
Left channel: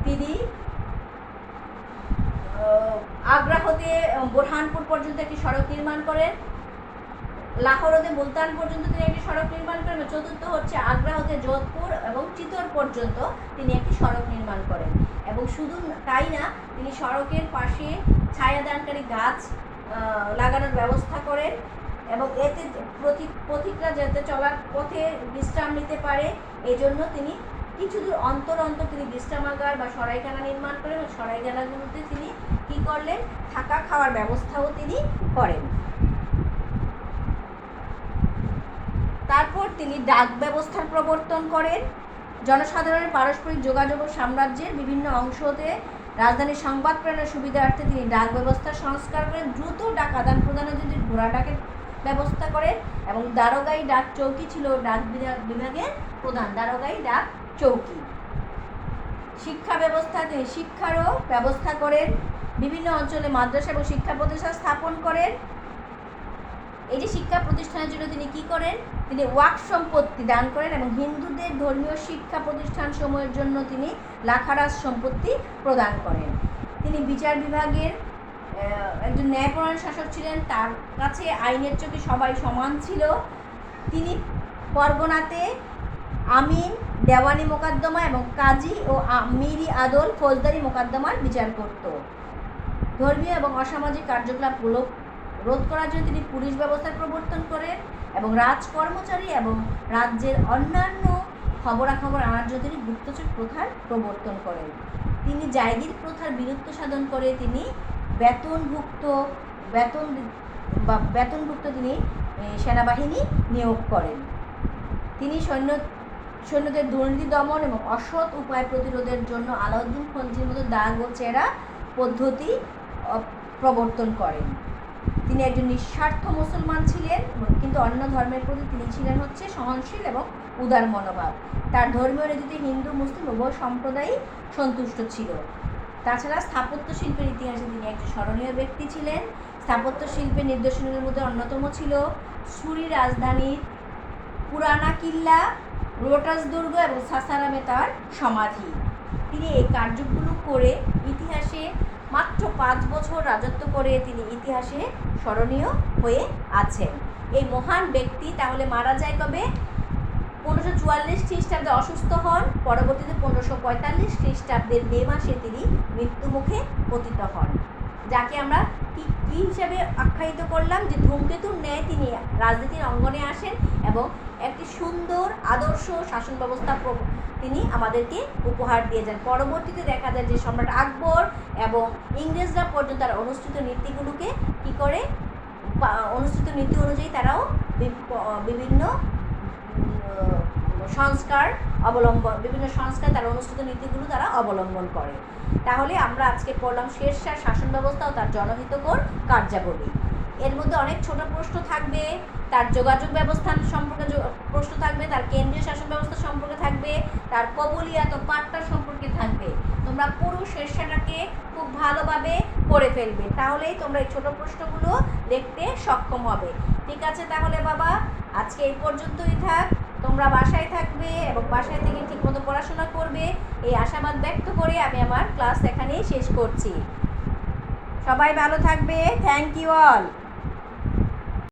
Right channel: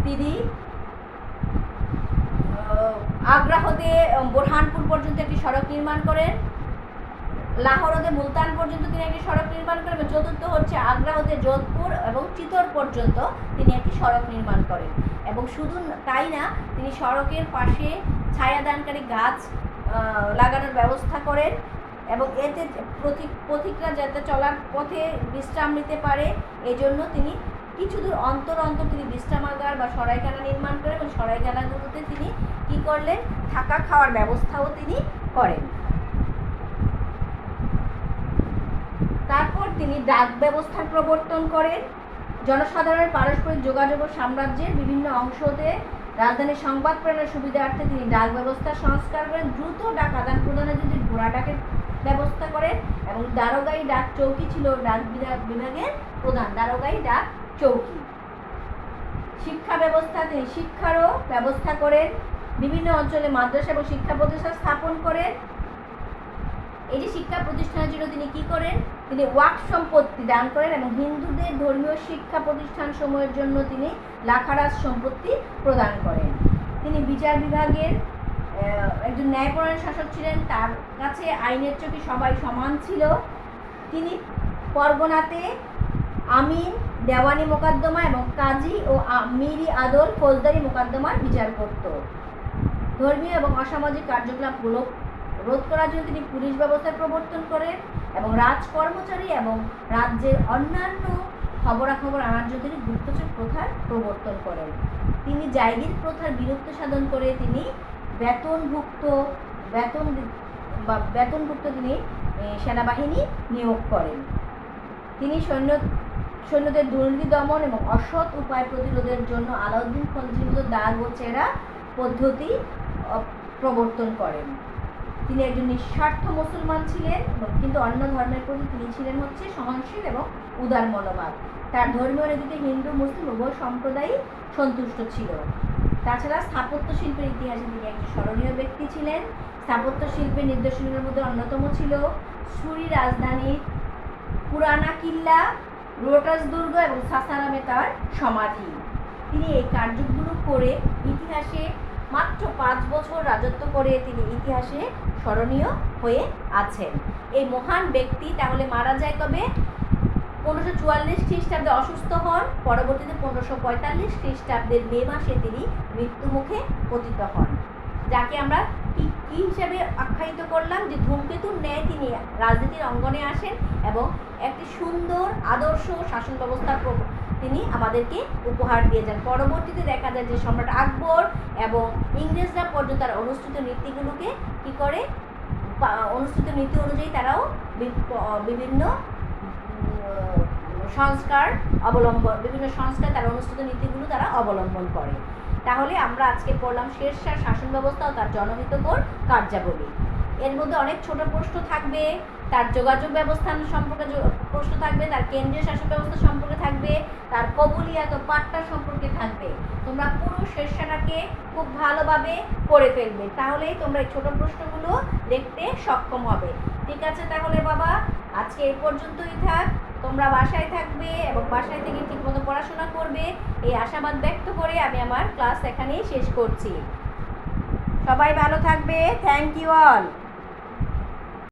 তিনি আগ্রা হতে বোরহানপুর পর্যন্ত একটি সড়ক নির্মাণ করেন। লাহোর হতে মুলতান পর্যন্ত তিনি একটি সড়ক নির্মাণ করেন। চতুর্থ হচ্ছে আগ্রা হতে যোধপুর এবং চিতোর পর্যন্ত তিনি একটি সড়ক নির্মাণ করেন। এবং শুধু তাই না, তিনি সড়কের পাশে ছায়াদানকারী গাছ লাগানোর ব্যবস্থা করেন এবং এতে পথিকরা যাতে চলার পথে বিশ্রাম নিতে পারে, এজন্য তিনি কিছু দূর অন্তর তিনি বিশ্রামাগার বা সরাইখানা নির্মাণ করেন এবং সরাইখানাগুলোতে তিনি কি করলেন, থাকা খাওয়ার ব্যবস্থাও তিনি করেন। তারপর তিনি ডাক ব্যবস্থার প্রবর্তন করেন। জনসাধারণের পারস্পরিক যোগাযোগ ও সাম্রাজ্যের বিভিন্ন অংশ হতে রাজধানীর সংবাদ প্রেরণের সুবিধার্থে তিনি ডাক ব্যবস্থা সংস্কার করেন। দ্রুত ডাক আদান প্রদানের জন্য ঘোড়া ডাকের ব্যবস্থা করেন এবং দারোগাই ডাক চৌকি ছিল ডাক বিভাগের প্রধান, দারোগাই ডাক চৌকি। শিক্ষা ব্যবস্থা, তিনি শিক্ষারও ব্যবস্থা করেন। বিভিন্ন অঞ্চলে মাদ্রাসা এবং শিক্ষা প্রতিষ্ঠান স্থাপন করেন। এই যে শিক্ষা প্রতিষ্ঠানের জন্য তিনি কি করেন, তিনি ওয়াক্ফ সম্পত্তি দান করেন এবং হিন্দুদের ধর্মীয় শিক্ষা প্রতিষ্ঠান সমূহের জন্য তিনি লাখারাজ সম্পত্তি প্রদান করেন। তিনি বিচার বিভাগের একজন ন্যায়পরায়ণ শাসক ছিলেন। তার কাছে আইনের চোখে সবাই সমান ছিল। তিনি পরগনাতে আমিন, দেওয়ানি মোকদ্দমা এবং কাজী ও মিরি আদল ফৌজদারি মোকদ্দমার বিচার করত। ধর্মীয় এবং অসামাজিক কার্যকলাপ রোধ করার জন্য তিনি পুলিশ ব্যবস্থা প্রবর্তন করেন এবং রাজকর্মচারী এবং রাজ্যের অন্যান্য খবরাখবর আনার জন্য তিনি গুপ্তচর প্রথার প্রবর্তন করেন। তিনি জায়গির প্রথার বিলুপ্ত সাধন করে তিনি বেতনভুক্ত তিনি সেনাবাহিনী নিয়োগ করেন। তিনি সৈন্যদের দুর্নীতি দমন এবং অসৎ উপায় প্রতিরোধের জন্য আলাউদ্দিন খলজির মতো দাগ ও চেরা পদ্ধতি প্রবর্তন করেন। তিনি একজন নিঃস্বার্থ মুসলমান ছিলেন, কিন্তু অন্য ধর্মের প্রতি তিনি ছিলেন হচ্ছে সহনশীল এবং উদার মনোভাব। তার ধর্মীয় নীতিতে হিন্দু মুসলিম উভয় সম্প্রদায়ই সন্তুষ্ট ছিল। তাছাড়া স্থাপত্য শিল্পের ইতিহাসে তিনি একজন স্মরণীয় ব্যক্তি ছিলেন। স্থাপত্য শিল্পের নিদর্শনের মধ্যে অন্যতম ছিল সুরি রাজধানীর পুরানা কিল্লা, রোটাস দুর্গ এবং সাসারামে তার সমাধি। তিনি এই কার্যগুলো করে ইতিহাসে মাত্র 5 বছর রাজত্ব করে তিনি ইতিহাসে স্মরণীয় হয়ে আছেন। এই মহান ব্যক্তি তাহলে মারা যায় কবে? 1544 খ্রিস্টাব্দে অসুস্থ হন। পরবর্তীতে 1545 খ্রিস্টাব্দের মে মাসে তিনি মৃত্যুমুখে পতিত হন, যাকে আমরা কি হিসাবে আখ্যায়িত করলাম? যে ধূমকেতুর ন্যায় তিনি রাজনীতির অঙ্গনে আসেন এবং একটি সুন্দর আদর্শ শাসন ব্যবস্থার তিনি আমাদেরকে উপহার দিয়ে যান। পরবর্তীতে দেখা যায় যে সম্রাট আকবর এবং ইংরেজরা পর্যন্ত তার অনুষ্ঠিত নীতিগুলোকে কি করে, অনুষ্ঠিত নীতি অনুযায়ী তারাও বিভিন্ন সংস্কার তার অনুষ্ঠিত নীতিগুলো তারা অবলম্বন করে। তাহলে আমরা আজকে পড়লাম শেরশাহ শাসন ব্যবস্থা ও তার জনহিতকর কার্যাবলী। এর মধ্যে অনেক ছোট প্রশ্ন থাকবে, তার যোগাযোগ ব্যবস্থা সম্পর্কে প্রশ্ন থাকবে, তার কেন্দ্রীয় শাসন ব্যবস্থা সম্পর্কে থাকবে, তার কবুলিয়াত ও পাট্টা সম্পর্কে থাকবে। তোমরা পুরো শেরশাহকে খুব ভালোভাবে পড়ে ফেলবে, তাহলেই তোমরা এই ছোট প্রশ্নগুলো দেখতে সক্ষম হবে। ঠিক আছে তাহলে বাবা, আজকে এই পর্যন্তই থাক। তোমরা বাসায় থাকবে এবং বাসায় থেকে ঠিকমতো পড়াশোনা করবে, এই আশাবাদ ব্যক্ত করে আমি আমার ক্লাস এখানেই শেষ করছি। সবাই ভালো থাকবে। Thank you all.